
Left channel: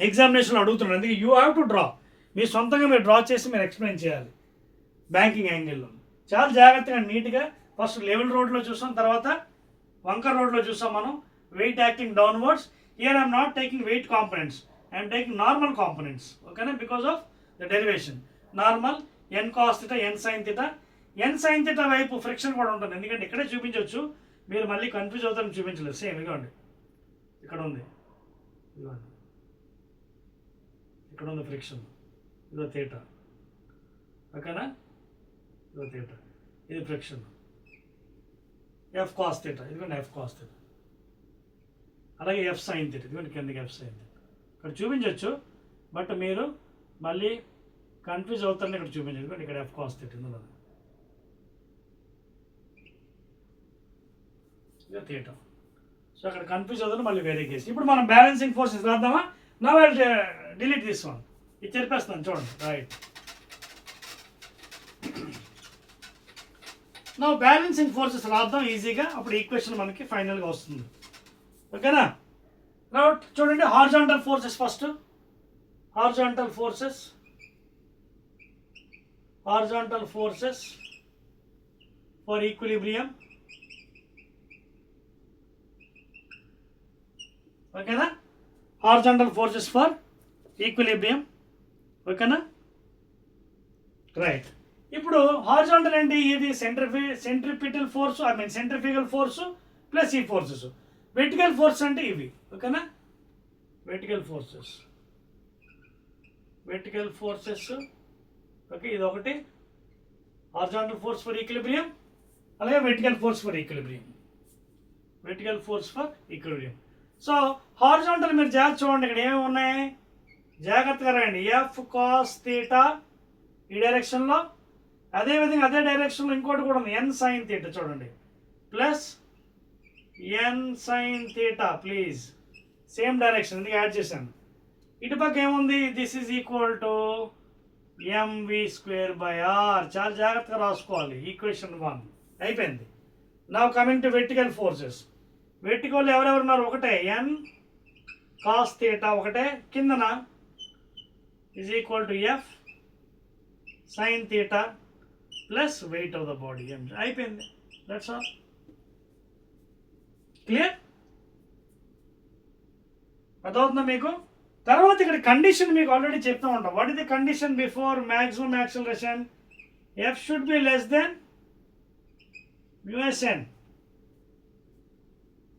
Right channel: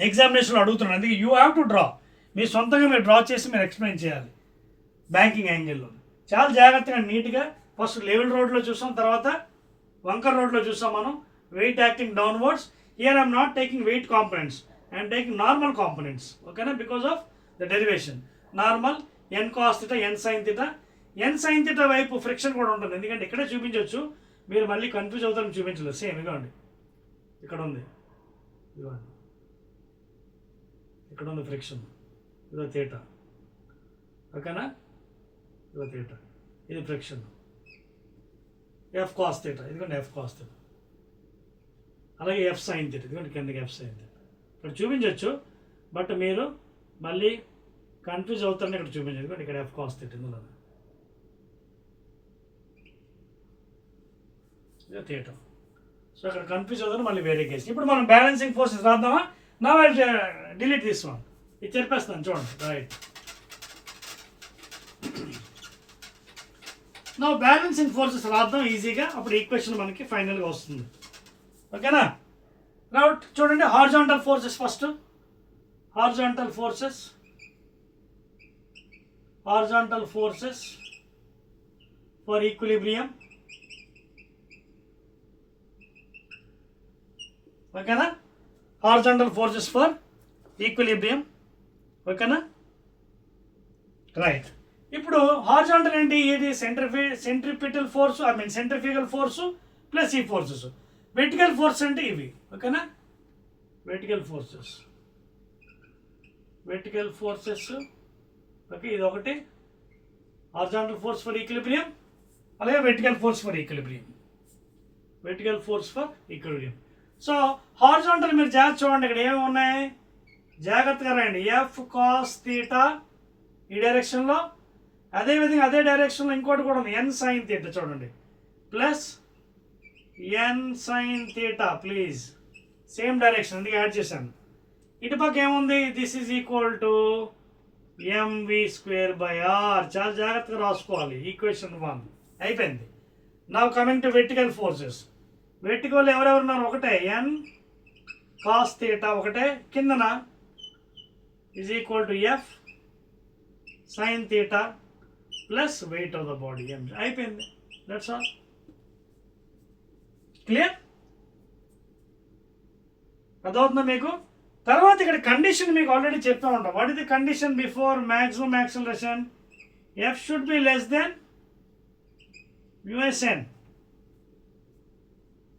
ఎగ్జామినేషన్లో అడుగుతున్నాను, అందుకే యూ హ్యావ్ టు డ్రా. మీరు సొంతంగా మీరు డ్రా చేసి మీరు ఎక్స్ప్లెయిన్ చేయాలి బ్యాంకింగ్ యాంగిల్లో. చాలా జాగ్రత్తగా నీట్గా ఫస్ట్ లెవెల్ రోడ్లో చూసాం, తర్వాత వంకర్ రోడ్లో చూసాం మనం. Weight acting downwards. Here I'm not taking weight components, I'm taking normal components. ఓకేనా, because of the derivation. Normal N cos theta, N sign theta. N sign theta వైపు ఫ్రిక్షన్ కూడా ఉంటుంది, ఎందుకంటే ఇక్కడే చూపించవచ్చు, మీరు మళ్ళీ కన్ఫ్యూజ్ అవుతారని చూపించలేదు. సేమ్ ఇదిగోండి, ఇక్కడ ఉంది, ఇదిగోండి ఇక్కడ ఉంది ఫ్రిక్షన్, ఇదో థీటా. ఓకేనా, ఇదో థీటా, ఇది ఫ్రిక్షన్, ఎఫ్ కాస్ థీటా, ఇదిగోండి ఎఫ్ కాస్ థీటా. అలాగే ఎఫ్ సైన్ థీటా, ఇదిగోండి కిందకి ఎఫ్ సైన్ థీటా. ఇక్కడ చూపించవచ్చు, బట్ మీరు మళ్ళీ కన్ఫ్యూజ్ అవుతారని ఇక్కడ చూపించండి. ఇదిగోండి ఇక్కడ ఎఫ్ కాస్ థీటా, ఇందులో థీటా. సో అక్కడ కన్ఫ్యూజ్ అవుతుంది, మళ్ళీ వేరే కేసు. ఇప్పుడు మనం బ్యాలెన్సింగ్ ఫోర్సెస్ రాద్దామా. నా డిలీట్ దిస్ వన్, ఇది చెప్పేస్తాను చూడండి. రైట్, నా బ్యాలెన్సింగ్ ఫోర్సెస్ రాద్దాం ఈజీగా, అప్పుడు ఈక్వేషన్ మనకి ఫైనల్గా వస్తుంది. ఓకేనా, రైట్ చూడండి. Horizontal forces first, horizontal forces for equilibrium. ఓకేనా, హారిజాంటల్ ఫోర్సెస్ ఫర్ ఈక్విలిబ్రియం. ఓకేనా, రైట్. ఇప్పుడు హారిజాంటల్ ఏంటి, ఇది centripetal force, centrifugal force plus ఈ ఫోర్సెస్. వెర్టికల్ ఫోర్స్ అంటే ఇవి. ఓకేనా, వెర్టికల్ ఫోర్సెస్. ఓకే, ఇది ఒకటి హారిజాంటల్ ఫోర్స్ ఫర్ ఈక్విలిబ్రియం, అలాగే vertical force for equilibrium. So horizontal మీరు జాగ్రత్త చూడండి, ఇక్కడ ఏమేమి ఉన్నాయి జాగ్రత్తగా రాయండి. ఎఫ్ కాస్ థీటా ఈ డైరెక్షన్లో, అదేవిధంగా అదే డైరెక్షన్లో ఇంకోటి కూడా ఉంది, ఎన్ సైన్ థీటా చూడండి, plus N sign theta. Please same direction, అందుకే యాడ్ చేశాను. ఇటుపక్క ఏముంది, this is equal to mv²/r. చాలా జాగ్రత్తగా రాసుకోవాలి. ఈక్వేషన్ 1 అయిపోయింది. Now coming to vertical forces. Vertical ఎవరెవరున్నారు, ఒకటే ఎన్ కాస్ థీటా, ఒకటే కిందన is equal to F sign theta plus weight of the body m. అయిపోయింది, దట్స్ ఆల్. క్లియర్, అదవుతుందా మీకు. తర్వాత ఇక్కడ కండిషన్ మీకు ఆల్రెడీ చెప్తూ ఉంటాం. What is the condition before maximum acceleration? F should be less than μsn.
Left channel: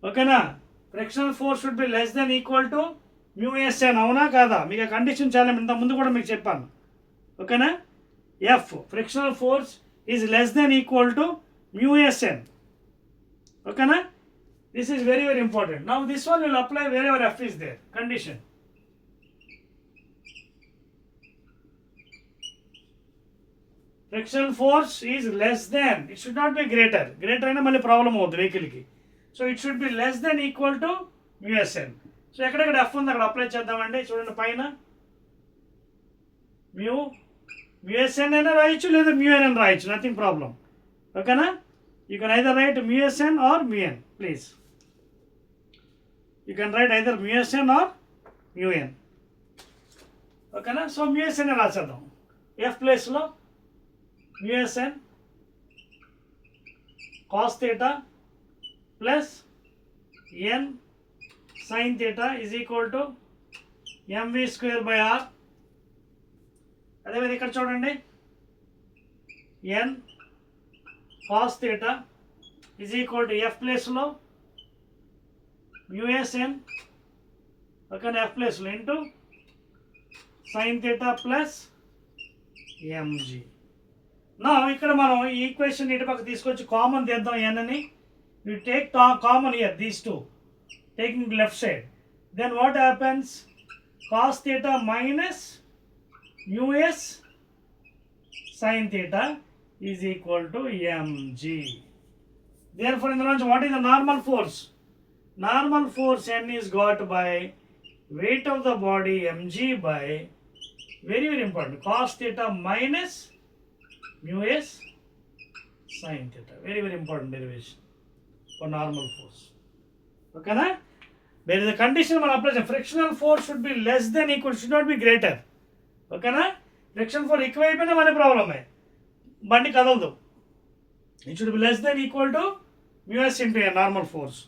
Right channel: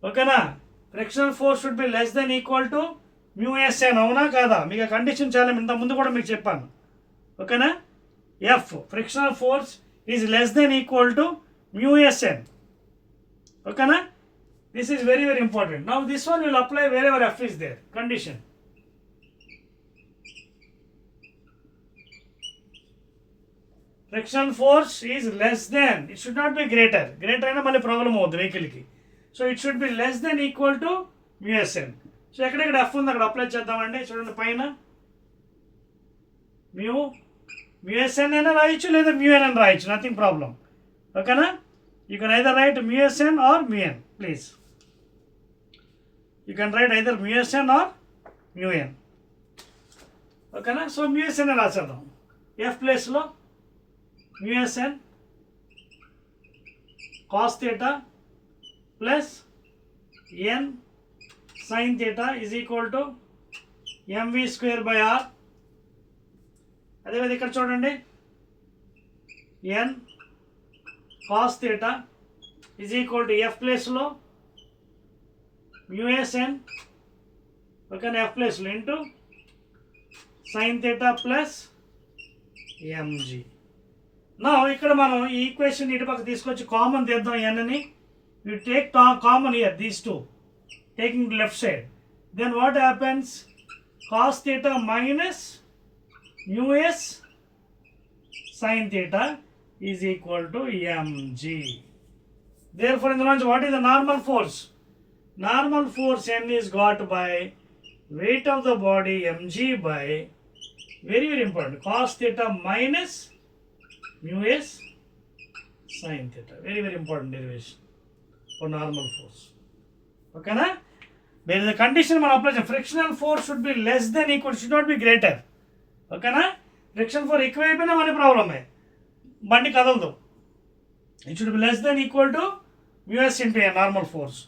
ఓకేనా, frictional force should be less than equal to μsn. అవునా కాదా? మీకు ఆ కండిషన్ చాలా ఇంత ముందు కూడా మీకు చెప్పాను. ఓకేనా, F frictional force is less than equal to μsn. ఓకేనా, this is very very important. Now this one will apply wherever f is there. Condition. Friction force is less than, it should not be greater. Greater అయినా మళ్ళీ ప్రాబ్లం అవుతుంది వెహికల్కి. So it should be less than equal to μsn. So ఎక్కడెక్కడ ఎఫ్ ఉంది అక్కడ అప్లై చేద్దామండి. చూడండి పైన μsn అయినా రాయొచ్చు లేదా μn అని రాయొచ్చు, నథింగ్ ప్రాబ్లం. ఓకేనా, You can either write mu Sn or mu n, please. You can write either mu Sn or mu n. ఓకేనా? సో mu Sn రాసేద్దాం. F ప్లేస్లో mu Sn cos theta plus n sin theta is equal to mv square by r. అదేవిధంగా ఇక్కడ చూడండి, n cos theta is equal to f ప్లేస్లో mu Sn, ఓకేనా, f ప్లేస్లో into sin theta plus mg. నా ఇక్కడ మనం ఈ ఈక్వేషన్ ఇటు పక్క తీసుకొచ్చి కామన్ తీద్దాం n ని. You take common here these two, taking left side. Then what happens? cos theta minus mu s sin theta is equal to mg. Therefore, in the lunch, what is the normal force? Normal force N is got by weight of the body mg by, very very important, cos theta minus mu s sin theta. Very very important derivation for normal force. Okay na? There is a condition man apply. Frictional force should be less than equal, should not be greater. Okay na? Friction for ఎక్కువైపోయినా మన ప్రాబ్లమే, బండి కదలదు. It should be less than equal to mu s into a normal force.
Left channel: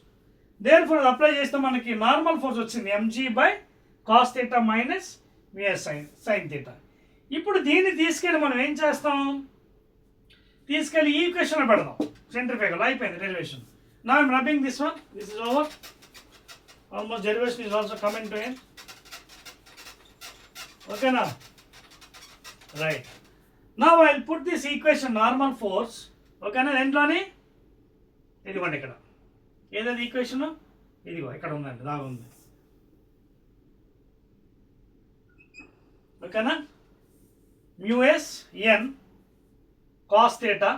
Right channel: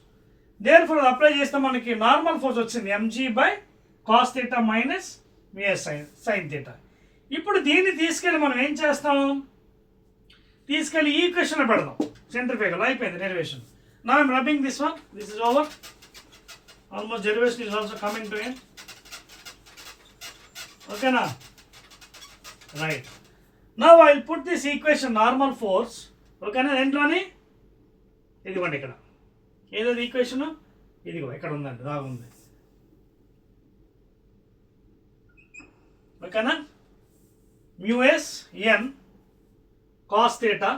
Therefore apply చేస్తే మనకి normal force వచ్చింది mg by cos theta minus mu s sin theta. ఇప్పుడు దీన్ని తీసుకెళ్ళి మనం ఏం చేస్తాం? తీసుకెళ్ళి ఈ ఈక్వేషన్ పెడదాం. సెంట్రిఫ్యూగల్ అయిపోయింది derivation. Now I'm rubbing this one. This is over. Almost derivation is also coming to end. Okay now? Right. Now I'll put this equation normal force. Okay na? Endloni ఇదిగోండి ఇక్కడ ఏదైతే ఈక్వేషన్ ఇదిగో ఇక్కడ ఉందండి, దాగుంది. ఓకేనా? mu s n cos theta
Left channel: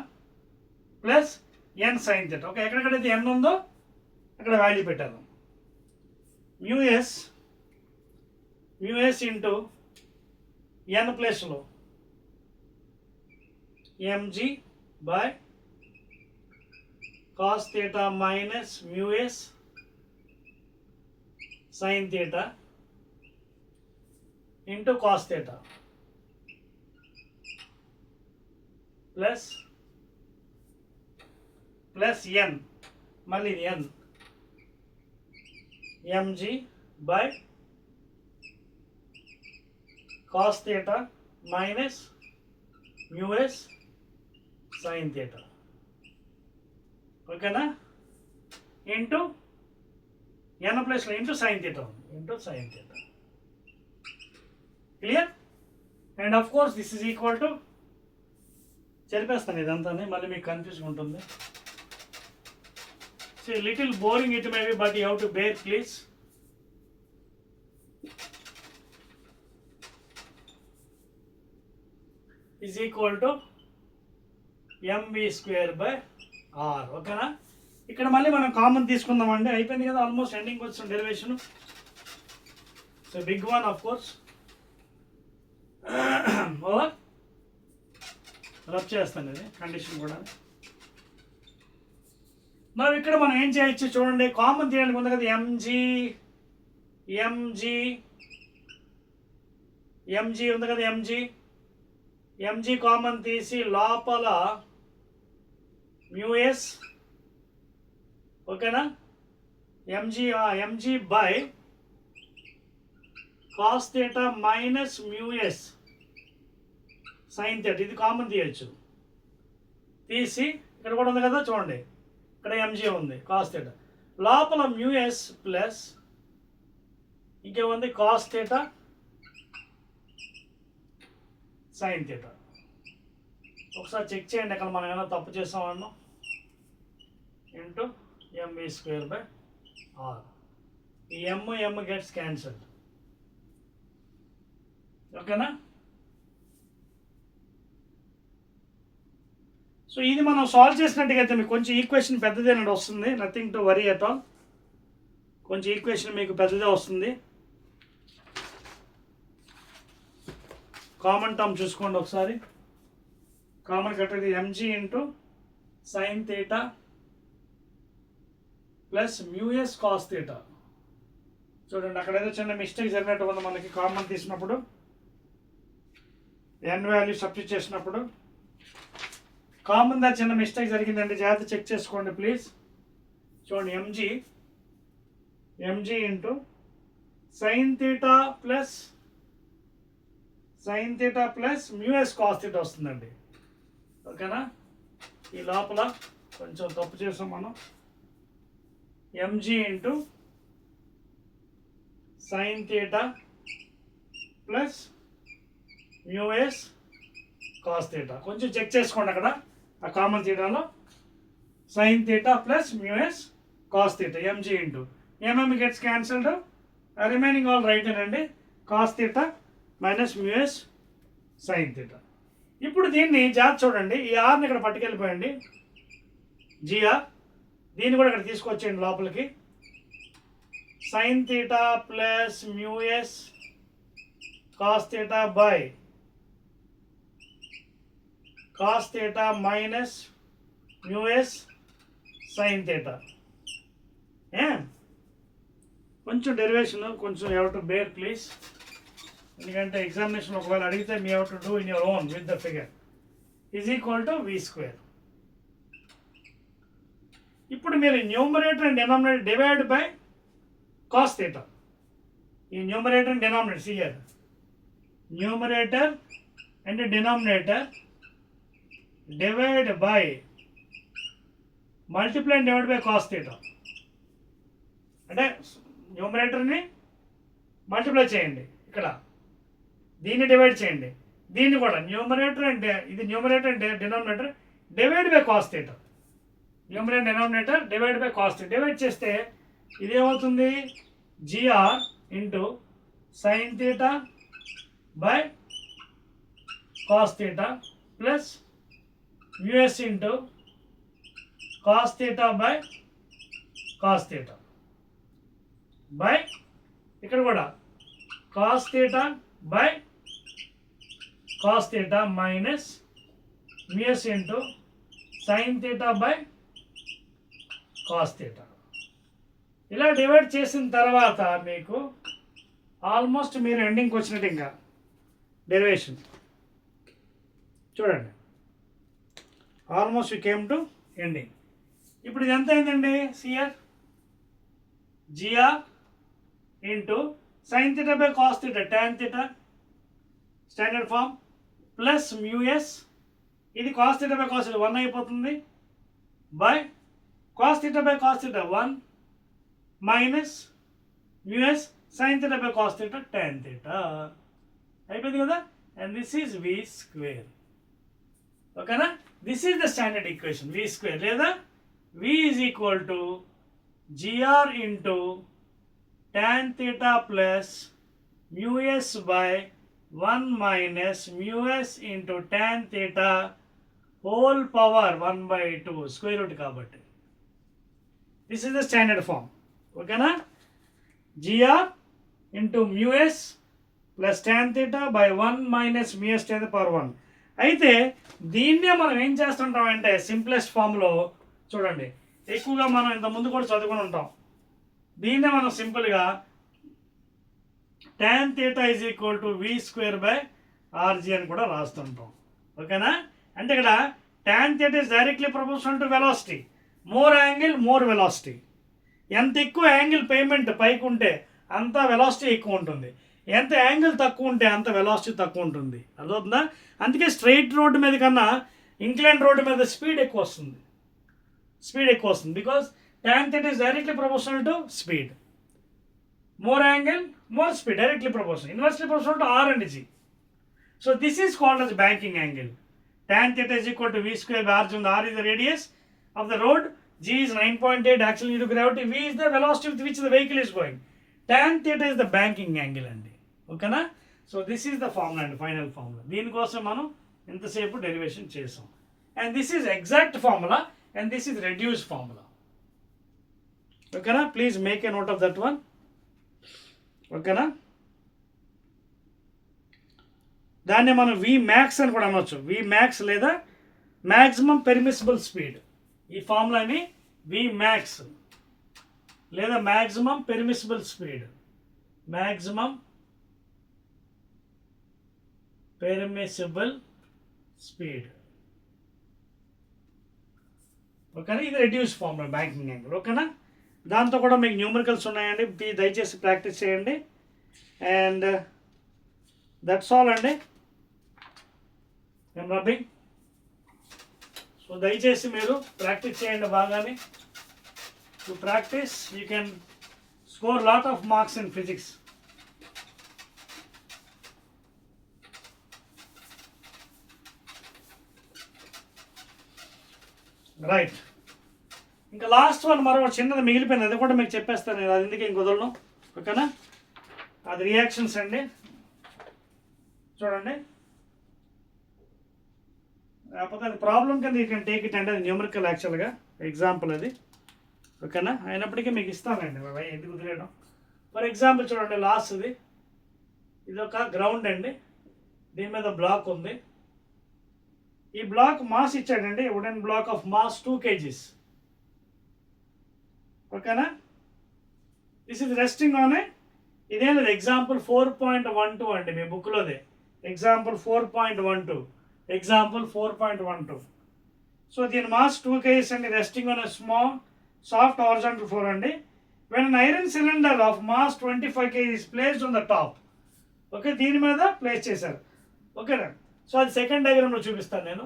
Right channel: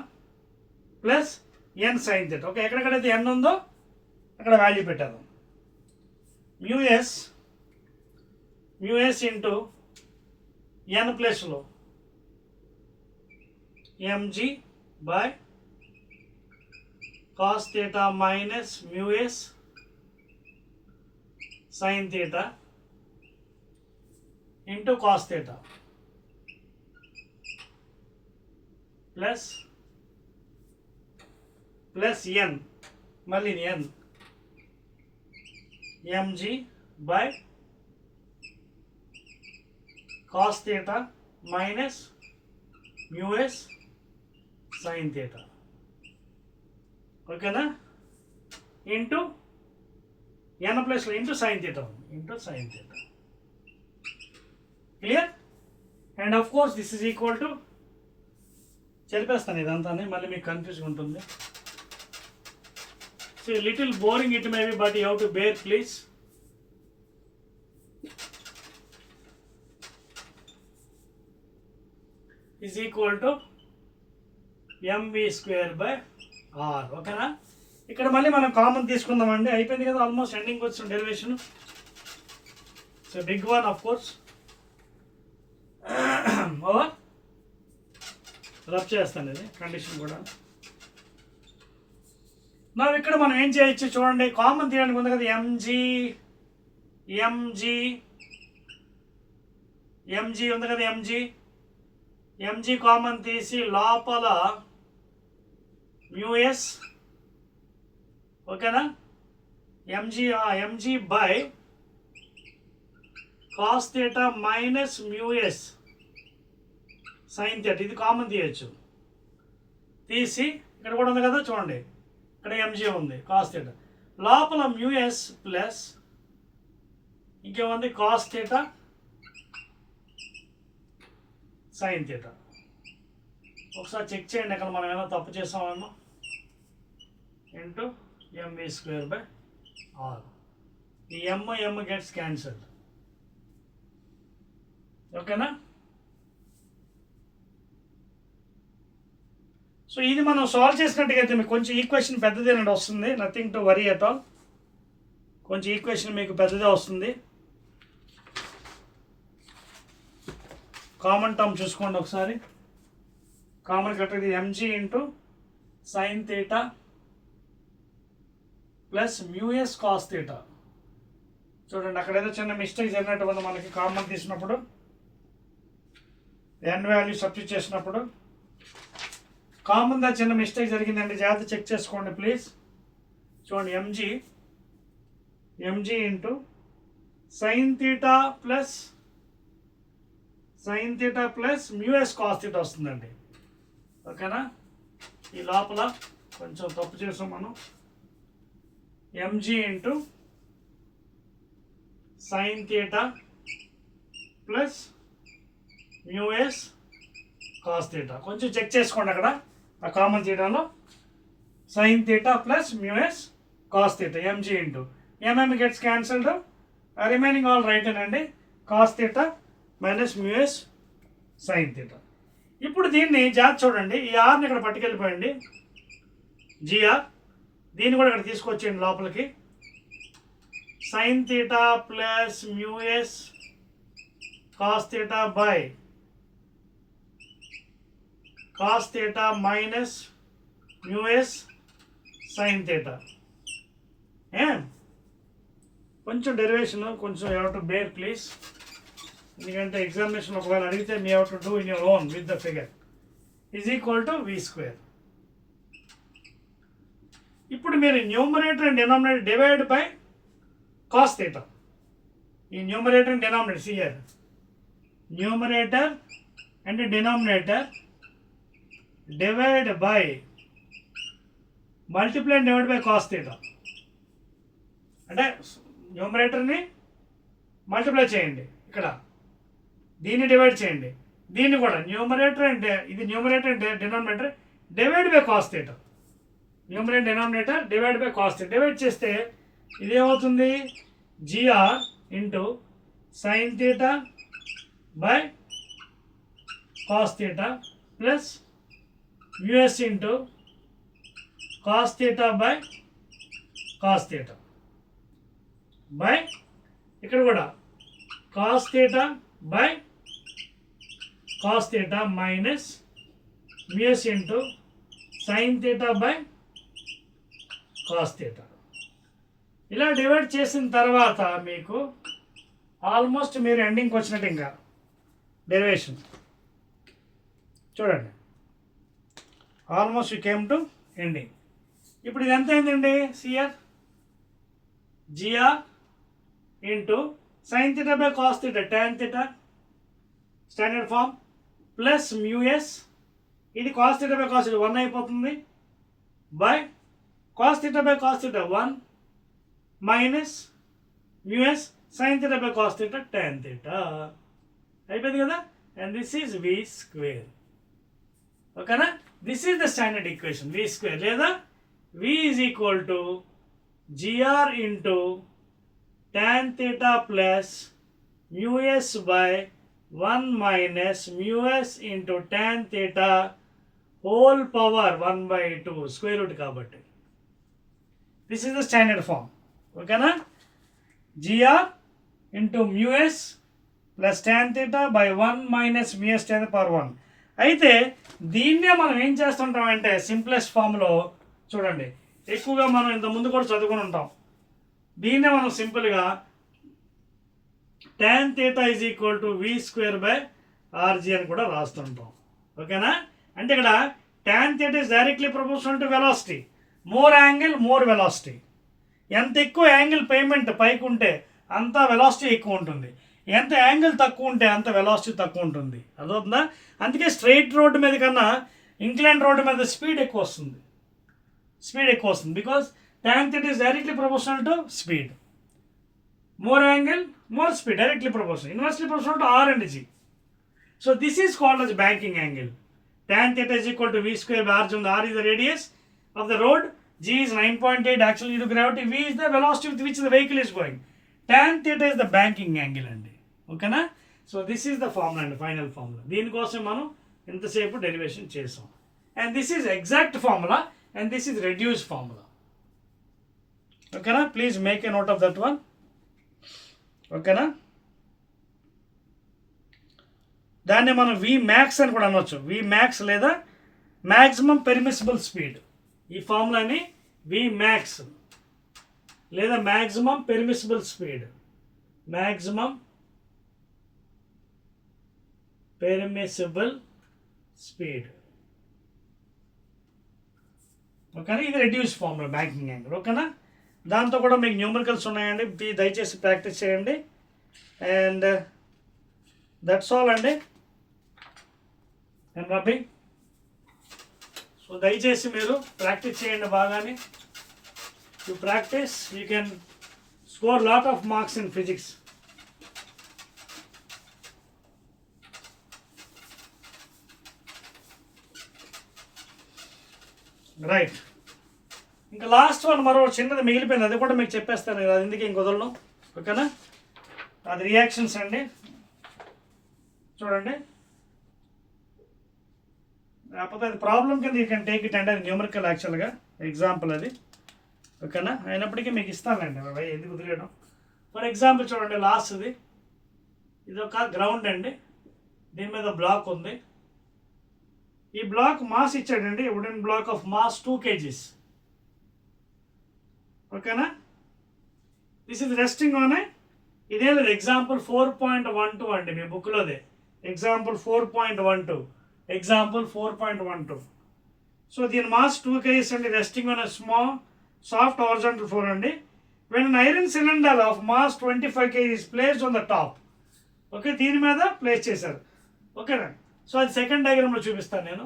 plus n sin theta. Okay, ఎక్కడెక్కడైతే n ఉందో అక్కడ వాల్యూ పెట్టారు. mu s ఇంటూ n ప్లస్లో mg by cos theta minus mu s sin theta into cos theta plus n, మళ్ళీ n mg by cos theta minus mu s sin theta. ఓకేనా? Into n ప్లస్లో into sin theta, into sin theta. Clear? And of course this is equal to, చెరిపేస్తాను ఇదంతా, మళ్ళీ మీకు కన్ఫ్యూజ్గా ఉంటుంది. So little boring it may be, but you have to bear please. Is equal to mv square by r. ఓకేనా? ఇక్కడ మళ్ళీ మనం కామన్ తీసుకుందామండి. అయిపోయింది కదా, ఆల్మోస్ట్ ఎండింగ్ వచ్చిన derivation. So big one of course. Over rub చేస్తాను ఇది కండిషన్ కూడా. మనం ఇక్కడ మనం ఏం చేయొచ్చు చూడండి, కామన్ తీయడానికి ఉంది కదా, mg ఉంది కదా, mg కామన్ తీసి లోపల mu s, ఓకేనా, mg by cos theta minus mu s sin theta, ఇది కామన్ తీయచ్చు. తీసి ఇక్కడ కూడా ఉంది కదా చూడండి, ఇక్కడ mg ఉంది, cos theta లోపల mu s ప్లస్ ఇంకేముంది cos theta sin theta. ఒకసారి చెక్ చేయండి అక్కడ మనం ఏమైనా తప్పు చేసామన్నా. Into mv square by r. ఈ m గెట్స్ క్యాన్సల్డ్. ఓకేనా? సో ఇది మనం సాల్వ్ చేసినట్టుగా అయితే మీకు కొంచెం ఈక్వేషన్ పెద్దదేనండి వస్తుంది. Nothing to worry at all. కొంచెం ఈక్వేషన్ మీకు పెద్దదే వస్తుంది. కామన్ టర్మ్ చూసుకోండి ఒకసారి. కామన్ కట్టేది mg into sin theta plus mu s cos theta. చూడండి అక్కడ ఏదో చిన్న మిస్టేక్ జరిగినట్టు ఉంది మనకి కామన్ తీసినప్పుడు ఎన్ వాల్యూ సబ్స్టిట్యూట్ చేసినప్పుడు కామన్ దా చిన్న మిస్టేక్ జరిగిందండి, జాగ్రత్త చెక్ చేసుకోండి ప్లీజ్. చూడండి mg into sin theta plus mu s cos theta వస్తుందండి. ఓకేనా, ఈ లోపల కొంచెం తప్పు చేసాం మనం. Mg into sin theta plus mu s cos theta. కొంచెం చెక్ చేసుకోండి అక్కడ ఆ కామన్ థీటాలో sin theta plus mu s cos theta mg into mm gets cancelled, remaining all right అండి. Cos theta minus mu s sin theta. ఇప్పుడు దీన్ని జాగ్రత్త చూడండి, ఈ ఆర్ని ఇక్కడ పట్టుకెళ్ళిపోయండి జిఆర్, దీన్ని కూడా ఇక్కడ తీసుకొచ్చేయండి లోపలికి. Sin theta plus mu s cos theta by cos theta minus mu s sin theta. కొంచెం డెరివేషన్ కొంచెం you have to bear please, ఎందుకంటే ఎగ్జామినేషన్ ఒకవేళ అడిగితే మీ have to do in your own with the figure is equal to we square. ఇప్పుడు మీరు numerator and denominator divide by cos theta. ఈ numerator and denominator CR numerator and denominator divide by multiply and divide by cos theta. అంటే న్యూమరేటర్ని మల్టిప్లై చేయండి, ఇక్కడ దీన్ని డివైడ్ చేయండి, దీన్ని కూడా న్యూమరేటర్ అండ్ ఇది numerator and denominator divide by cos theta. Numerator denominator divide by cos theta. Divide చేస్తే ఇదేమవుతుంది gr into sin theta by cos theta plus mu s into cos theta by cos theta by ఇక్కడ కూడా cos theta by cos theta minus mu s into sin theta by cos theta. ఇలా divide చేసిన తర్వాత మీకు ఆల్మోస్ట్ మీరు ఎండింగ్కి వచ్చినట్టు ఇంకా డెరివేషన్ చూడండి, almost you came to ending. ఇప్పుడు ఇది ఎంత అయిందండి CR gr into sin theta by cos theta tan theta standard form plus mu s, ఇది cos theta by cos theta 1 అయిపోతుంది by cos theta by cos theta 1 minus mu s sin theta by cos theta tan theta అయిపోయింది కదా. And this is v square. ఓకేనా, this is the standard equation v square, లేదా v is equal to gr into tan theta plus mu s by 1 minus mu s into tan theta whole power 1/2 square root కాబట్టి. This is the standard form. ఓకేనా, gr into mu s plus tan theta by 1 minus mu s tan power 1. అయితే దీన్నే మనం ఏం చేస్తుంటాం అంటే సింప్లెస్ట్ ఫామ్లో చూడండి, ఎక్కువగా మనం ఇంత ముందు కూడా చదువుకుని ఉంటాం. దీన్నే మనం సింపుల్గా tan theta is equal to we square by R G అని కూడా రాస్తుంటాం. ఓకేనా, అంటే ఇక్కడ tan theta is directly proportional to velocity, more angle more velocity. ఎంత ఎక్కువ యాంగిల్ పేమెంట్ పైకి ఉంటే అంత వెలాసిటీ ఎక్కువ ఉంటుంది, ఎంత యాంగిల్ తక్కువ ఉంటే అంత వెలాసిటీ తక్కువ ఉంటుంది. అదవుతుందా? అందుకే స్ట్రైట్ రోడ్డు మీద కన్నా ఇంక్లైన్ రోడ్డు మీద స్పీడ్ ఎక్కువ వస్తుంది, because tan theta is directly proportional to speed. More angle more speed, directly proportional, inversely proportional to R and G. So this is called as banking angle. Tan theta is equal to v square by r. R is the radius of the road, g is 9.8 axle due to gravity, v is the velocity with which the vehicle is going. Tan theta is the banking angle అండి. ఓకేనా, so this is the formula అండి, final formula. దీనికోసం మనం ఇంతసేపు derivation చేసాం. And this is exact formula and this is reduce formula. ఓకేనా, please make a note of that one. ఓకేనా, దాన్ని మనం వి మ్యాక్స్ అని కూడా అనవచ్చు, వి మ్యాక్స్ లేదా మ్యాక్సిమం పెర్మిసిబుల్ స్పీడ్. ఈ ఫార్ములాని వి మ్యాక్స్ లేదా maximum permissible speed, maximum permissible speed. ఓకేనా, ఇది రెడ్యూస్ ఫార్ములా బ్యాంకింగ్ యాంగిల్. ఓకేనా, దాంతో కూడా మీకు న్యూమరికల్స్ ఉన్నాయండి, దయచేసి ప్రాక్టీస్ చేయండి. అండ్ దట్స్ ఆల్ అండి. I'm rubbing. సో దయచేసి మీరు ప్రాక్టీస్ చేయండి బాగానే. You practice, you can score lot of marks in physics. Right, ఇంకా లాస్ట్ వన్ మరో చిన్నది మిగిలిపోయింది, అది కూడా మీకు చెప్పేస్తాను నేను, అది ఎందుకు ఇంకొదలను. ఓకేనా, అది రియాక్షన్స్ అండి. చూడండి, కాకపోతే అది ప్రాబ్లం కింద యూ కెన్ టేక్ ఇట్ అండి, అది న్యూమరికల్ యాక్చువల్గా ఎగ్జాంపుల్ అది. ఓకేనా, అయినప్పటికీ మీకు ఇస్తానండి, ఎందుకు కుదిరేయడం. ఫర్ ఎగ్జాంపుల్ చూడండి, లాస్ట్ది ఇది ఒక గ్రౌండ్ అండి, దీని మీద బ్లాక్ ఉంది. ఈ బ్లాక్ మాస్ ఇచ్చాడండి, wooden block of mass 2 kgs. ఓకేనా, దిస్ ఇస్ రెస్టింగ్ ఆన్ ఇదే లేదు ఎగ్జాంపుల్ 4.12 అండి మీ బుక్లోదే, ఎగ్జాంపుల్ 4.12, ఎగ్జాంపుల్ 4.12. సో దీని మాస్ 2 kgs అండి, resting on small soft horizontal floor అండి. When an iron cylinder of mass 25 kg is placed on the top. Okay, దీని మీద ప్లేస్ చేశారు. ఓకేనా, సో అది సెకండ్ డయాగ్రామ్లో చూపిస్తాను నేను.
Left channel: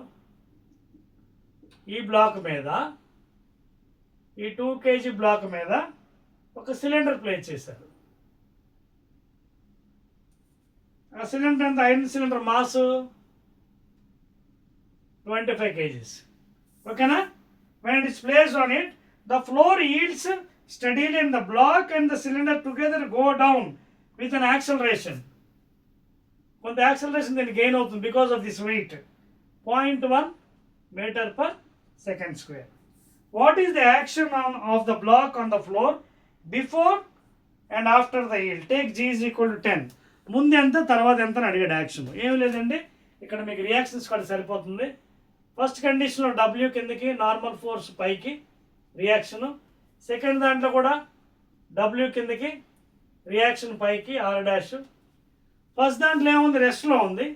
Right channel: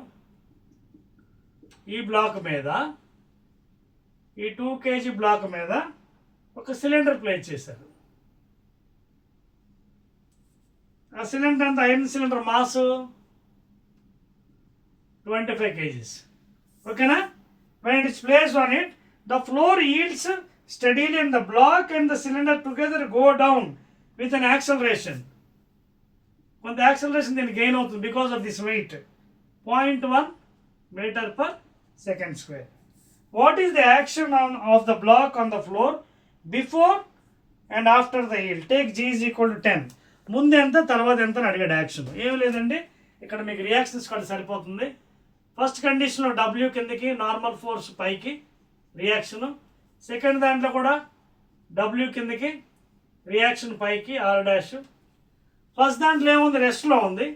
ఈ బ్లాక్ మీద, ఈ 2 kg బ్లాక్ మీద ఒక సిలిండర్ ప్లేస్ చేశారు. ఆ సిలిండర్ ఎంత, ఐరన్ సిలిండర్ మాస్ 25 kgs. ఓకేనా, when it is placed on it, the floor yields steadily and the block and the cylinder together go down with an acceleration. కొంత యాక్సలరేషన్ దీన్ని గెయిన్ అవుతుంది because of this weight, 0.1 meter per second square. What is the action of the block on the floor before and after the yield? Take G is equal to 10. ముందు ఎంత తర్వాత ఎంత అని అడిగాడు యాక్షన్. ఏం లేదండి, ఇక్కడ మీకు రియాక్షన్స్ కూడా సరిపోతుంది. ఫస్ట్ కండిషన్లో W కిందకి, నార్మల్ ఫోర్స్ పైకి రియాక్షను. సెకండ్ దాంట్లో కూడా W కిందకి, రియాక్షన్ పైకి R'. ఫస్ట్ దాంట్లో ఏముంది, రెస్ట్లో ఉంది.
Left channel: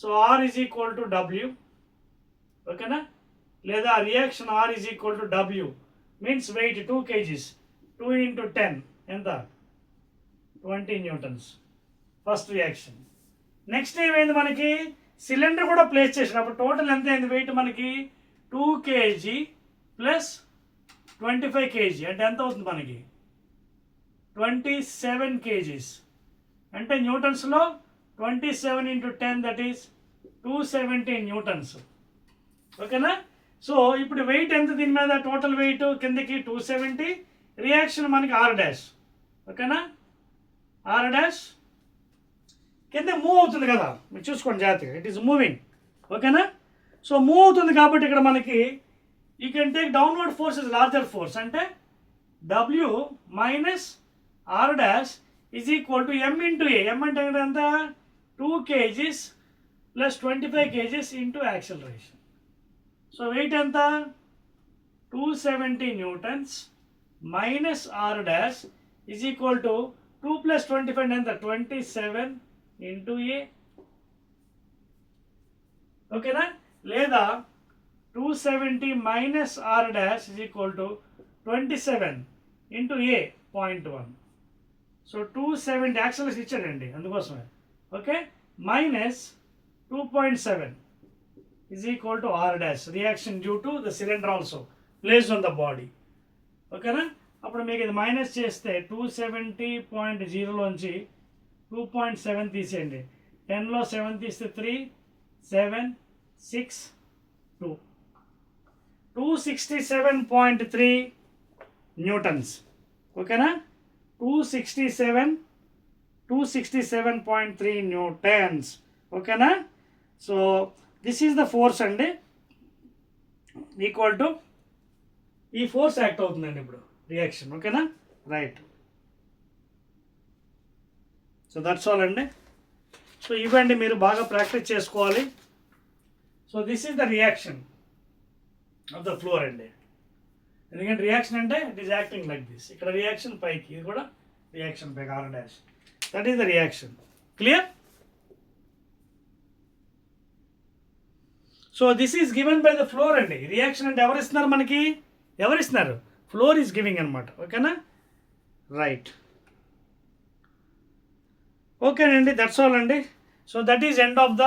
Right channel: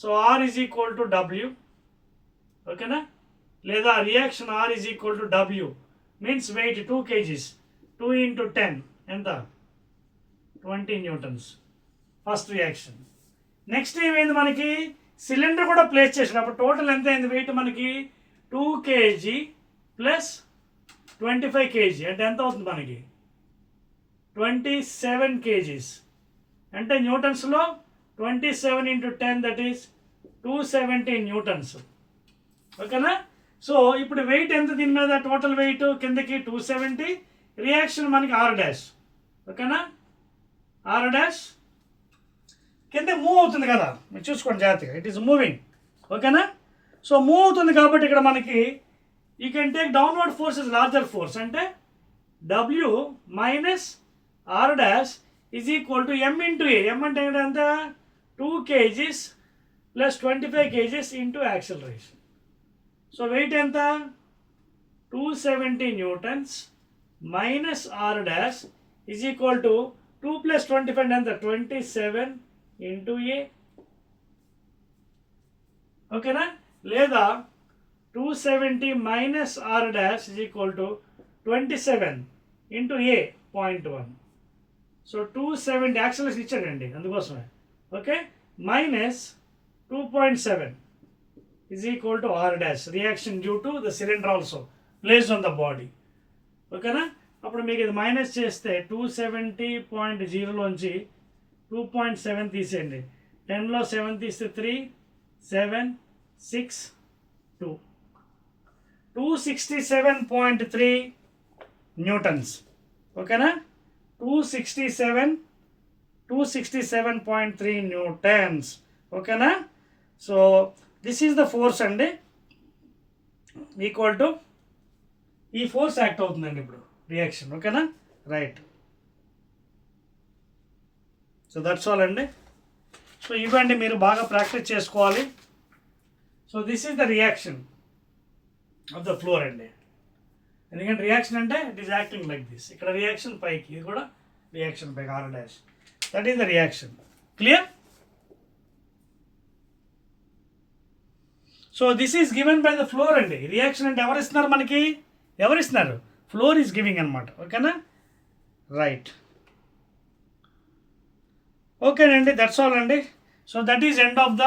So R is equal to W. ఓకేనా, లేదా reaction R is equal to W means weight 2 kgs, 2 into 10 ఎంత, 20 newtons ఫస్ట్ రియాక్షన్. నెక్స్ట్ ఏమైంది, మనకి సిలిండర్ కూడా ప్లేస్ చేసాడు, అప్పుడు టోటల్ ఎంత అయింది వెయిట్ మనకి, 2 kg ప్లస్ 25 kg అంటే ఎంత అవుతుంది మనకి, 27 kgs. అంటే న్యూటన్స్లో 27 into 10 దట్ ఈస్ 270 newtons. ఓకేనా, సో ఇప్పుడు వెయిట్ ఎంత దీని మీద, టోటల్ వెయిట్ కిందకి 270, రియాక్షన్ మనకి R'. ఓకేనా, R' కింద మూవ్ అవుతుంది కదా, మీరు చూసుకోండి జాగ్రత్తగా, ఇట్ ఈస్ మూవింగ్. ఓకేనా, సో మూవ్ అవుతుంది కాబట్టి ఇక్కడ మనకి you can take downward force is larger force, అంటే W minus R' is equal to M into A. M అంటే ఎంత, 2 kgs plus 25 kgs into acceleration. So weight ఎంత, 270 newtons minus R' is equal to 2 plus 25 ఎంత, 27 into A. ఓకేనా, లేదా 270 minus R' is equal to 27 into A 0.1. సో 270 యాక్సలరేషన్ ఇచ్చాడండి అందుకోసమే. Okay, minus 2.7 is equal to R' reaction due to the cylinder also placed on the body. ఓకేనా, అప్పుడు మీకు ఇది మైనస్ చేస్తే 270.0లోంచి 2.7 తీసేయండి, 10లో 7 తీస్తే 3, 7, 6, 2, 267.3 newtons. ఓకేనా, 267.3 newtons. ఓకేనా, so this is the force అండి, ఈక్వల్ టు ఈ ఫోర్స్ యాక్ట్ అవుతుందండి ఇప్పుడు రియాక్షన్. ఓకేనా, రైట్. సో దట్స్ ఆల్ అండి. సో ఇవ్వండి, మీరు బాగా ప్రాక్టీస్ చేసుకోవాలి. So this is the reaction. Of the floor అండి. ఎందుకంటే రియాక్షన్ అంటే it is acting like this. ఇక్కడ రియాక్షన్ పైకి, ఇది కూడా రియాక్షన్ పైకి R dash. That is the reaction. Clear? So this is given by the floor అండి. రియాక్షన్ అంటే ఎవరు ఇస్తున్నారు మనకి? ఎవరు ఇస్తున్నారు? ఫ్లోర్ ఈజ్ గివింగ్ అనమాట. ఓకేనా? రైట్. ఓకేనండి, దట్స్ ఆల్ అండి. So that is end of the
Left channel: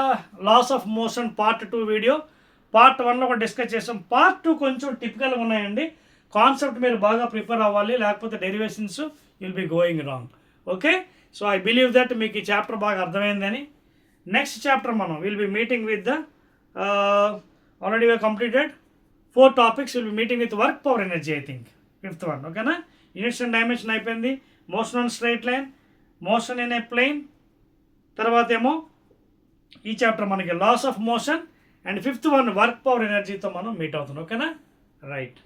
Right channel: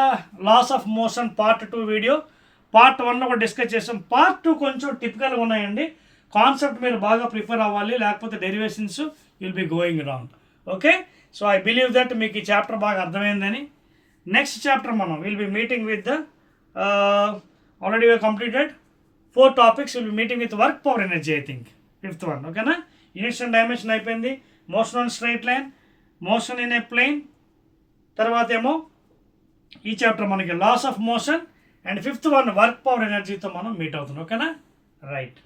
laws of motion part 2 video. Part 1 కూడా డిస్కస్ చేసాం. పార్ట్ 2 కొంచెం టిపికల్గా ఉన్నాయండి. కాన్సెప్ట్ మీరు బాగా ప్రిపేర్ అవ్వాలి, లేకపోతే derivations will be going wrong. Okay, so I believe that మీకు ఈ చాప్టర్ బాగా అర్థమైందని. నెక్స్ట్ చాప్టర్ మనం will be meeting with the already we completed 4 topics. Will be meeting with work power energy, I think 5th one. ఓకేనా? Units and dimension అయిపోయింది. Motion on straight line, motion in a plane, తర్వాత ఏమో ఈ చాప్టర్ మనకి laws of motion, and 5th one work power ఎనర్జీతో మనం మీట్ అవుతున్నాం. ఓకేనా? రైట్.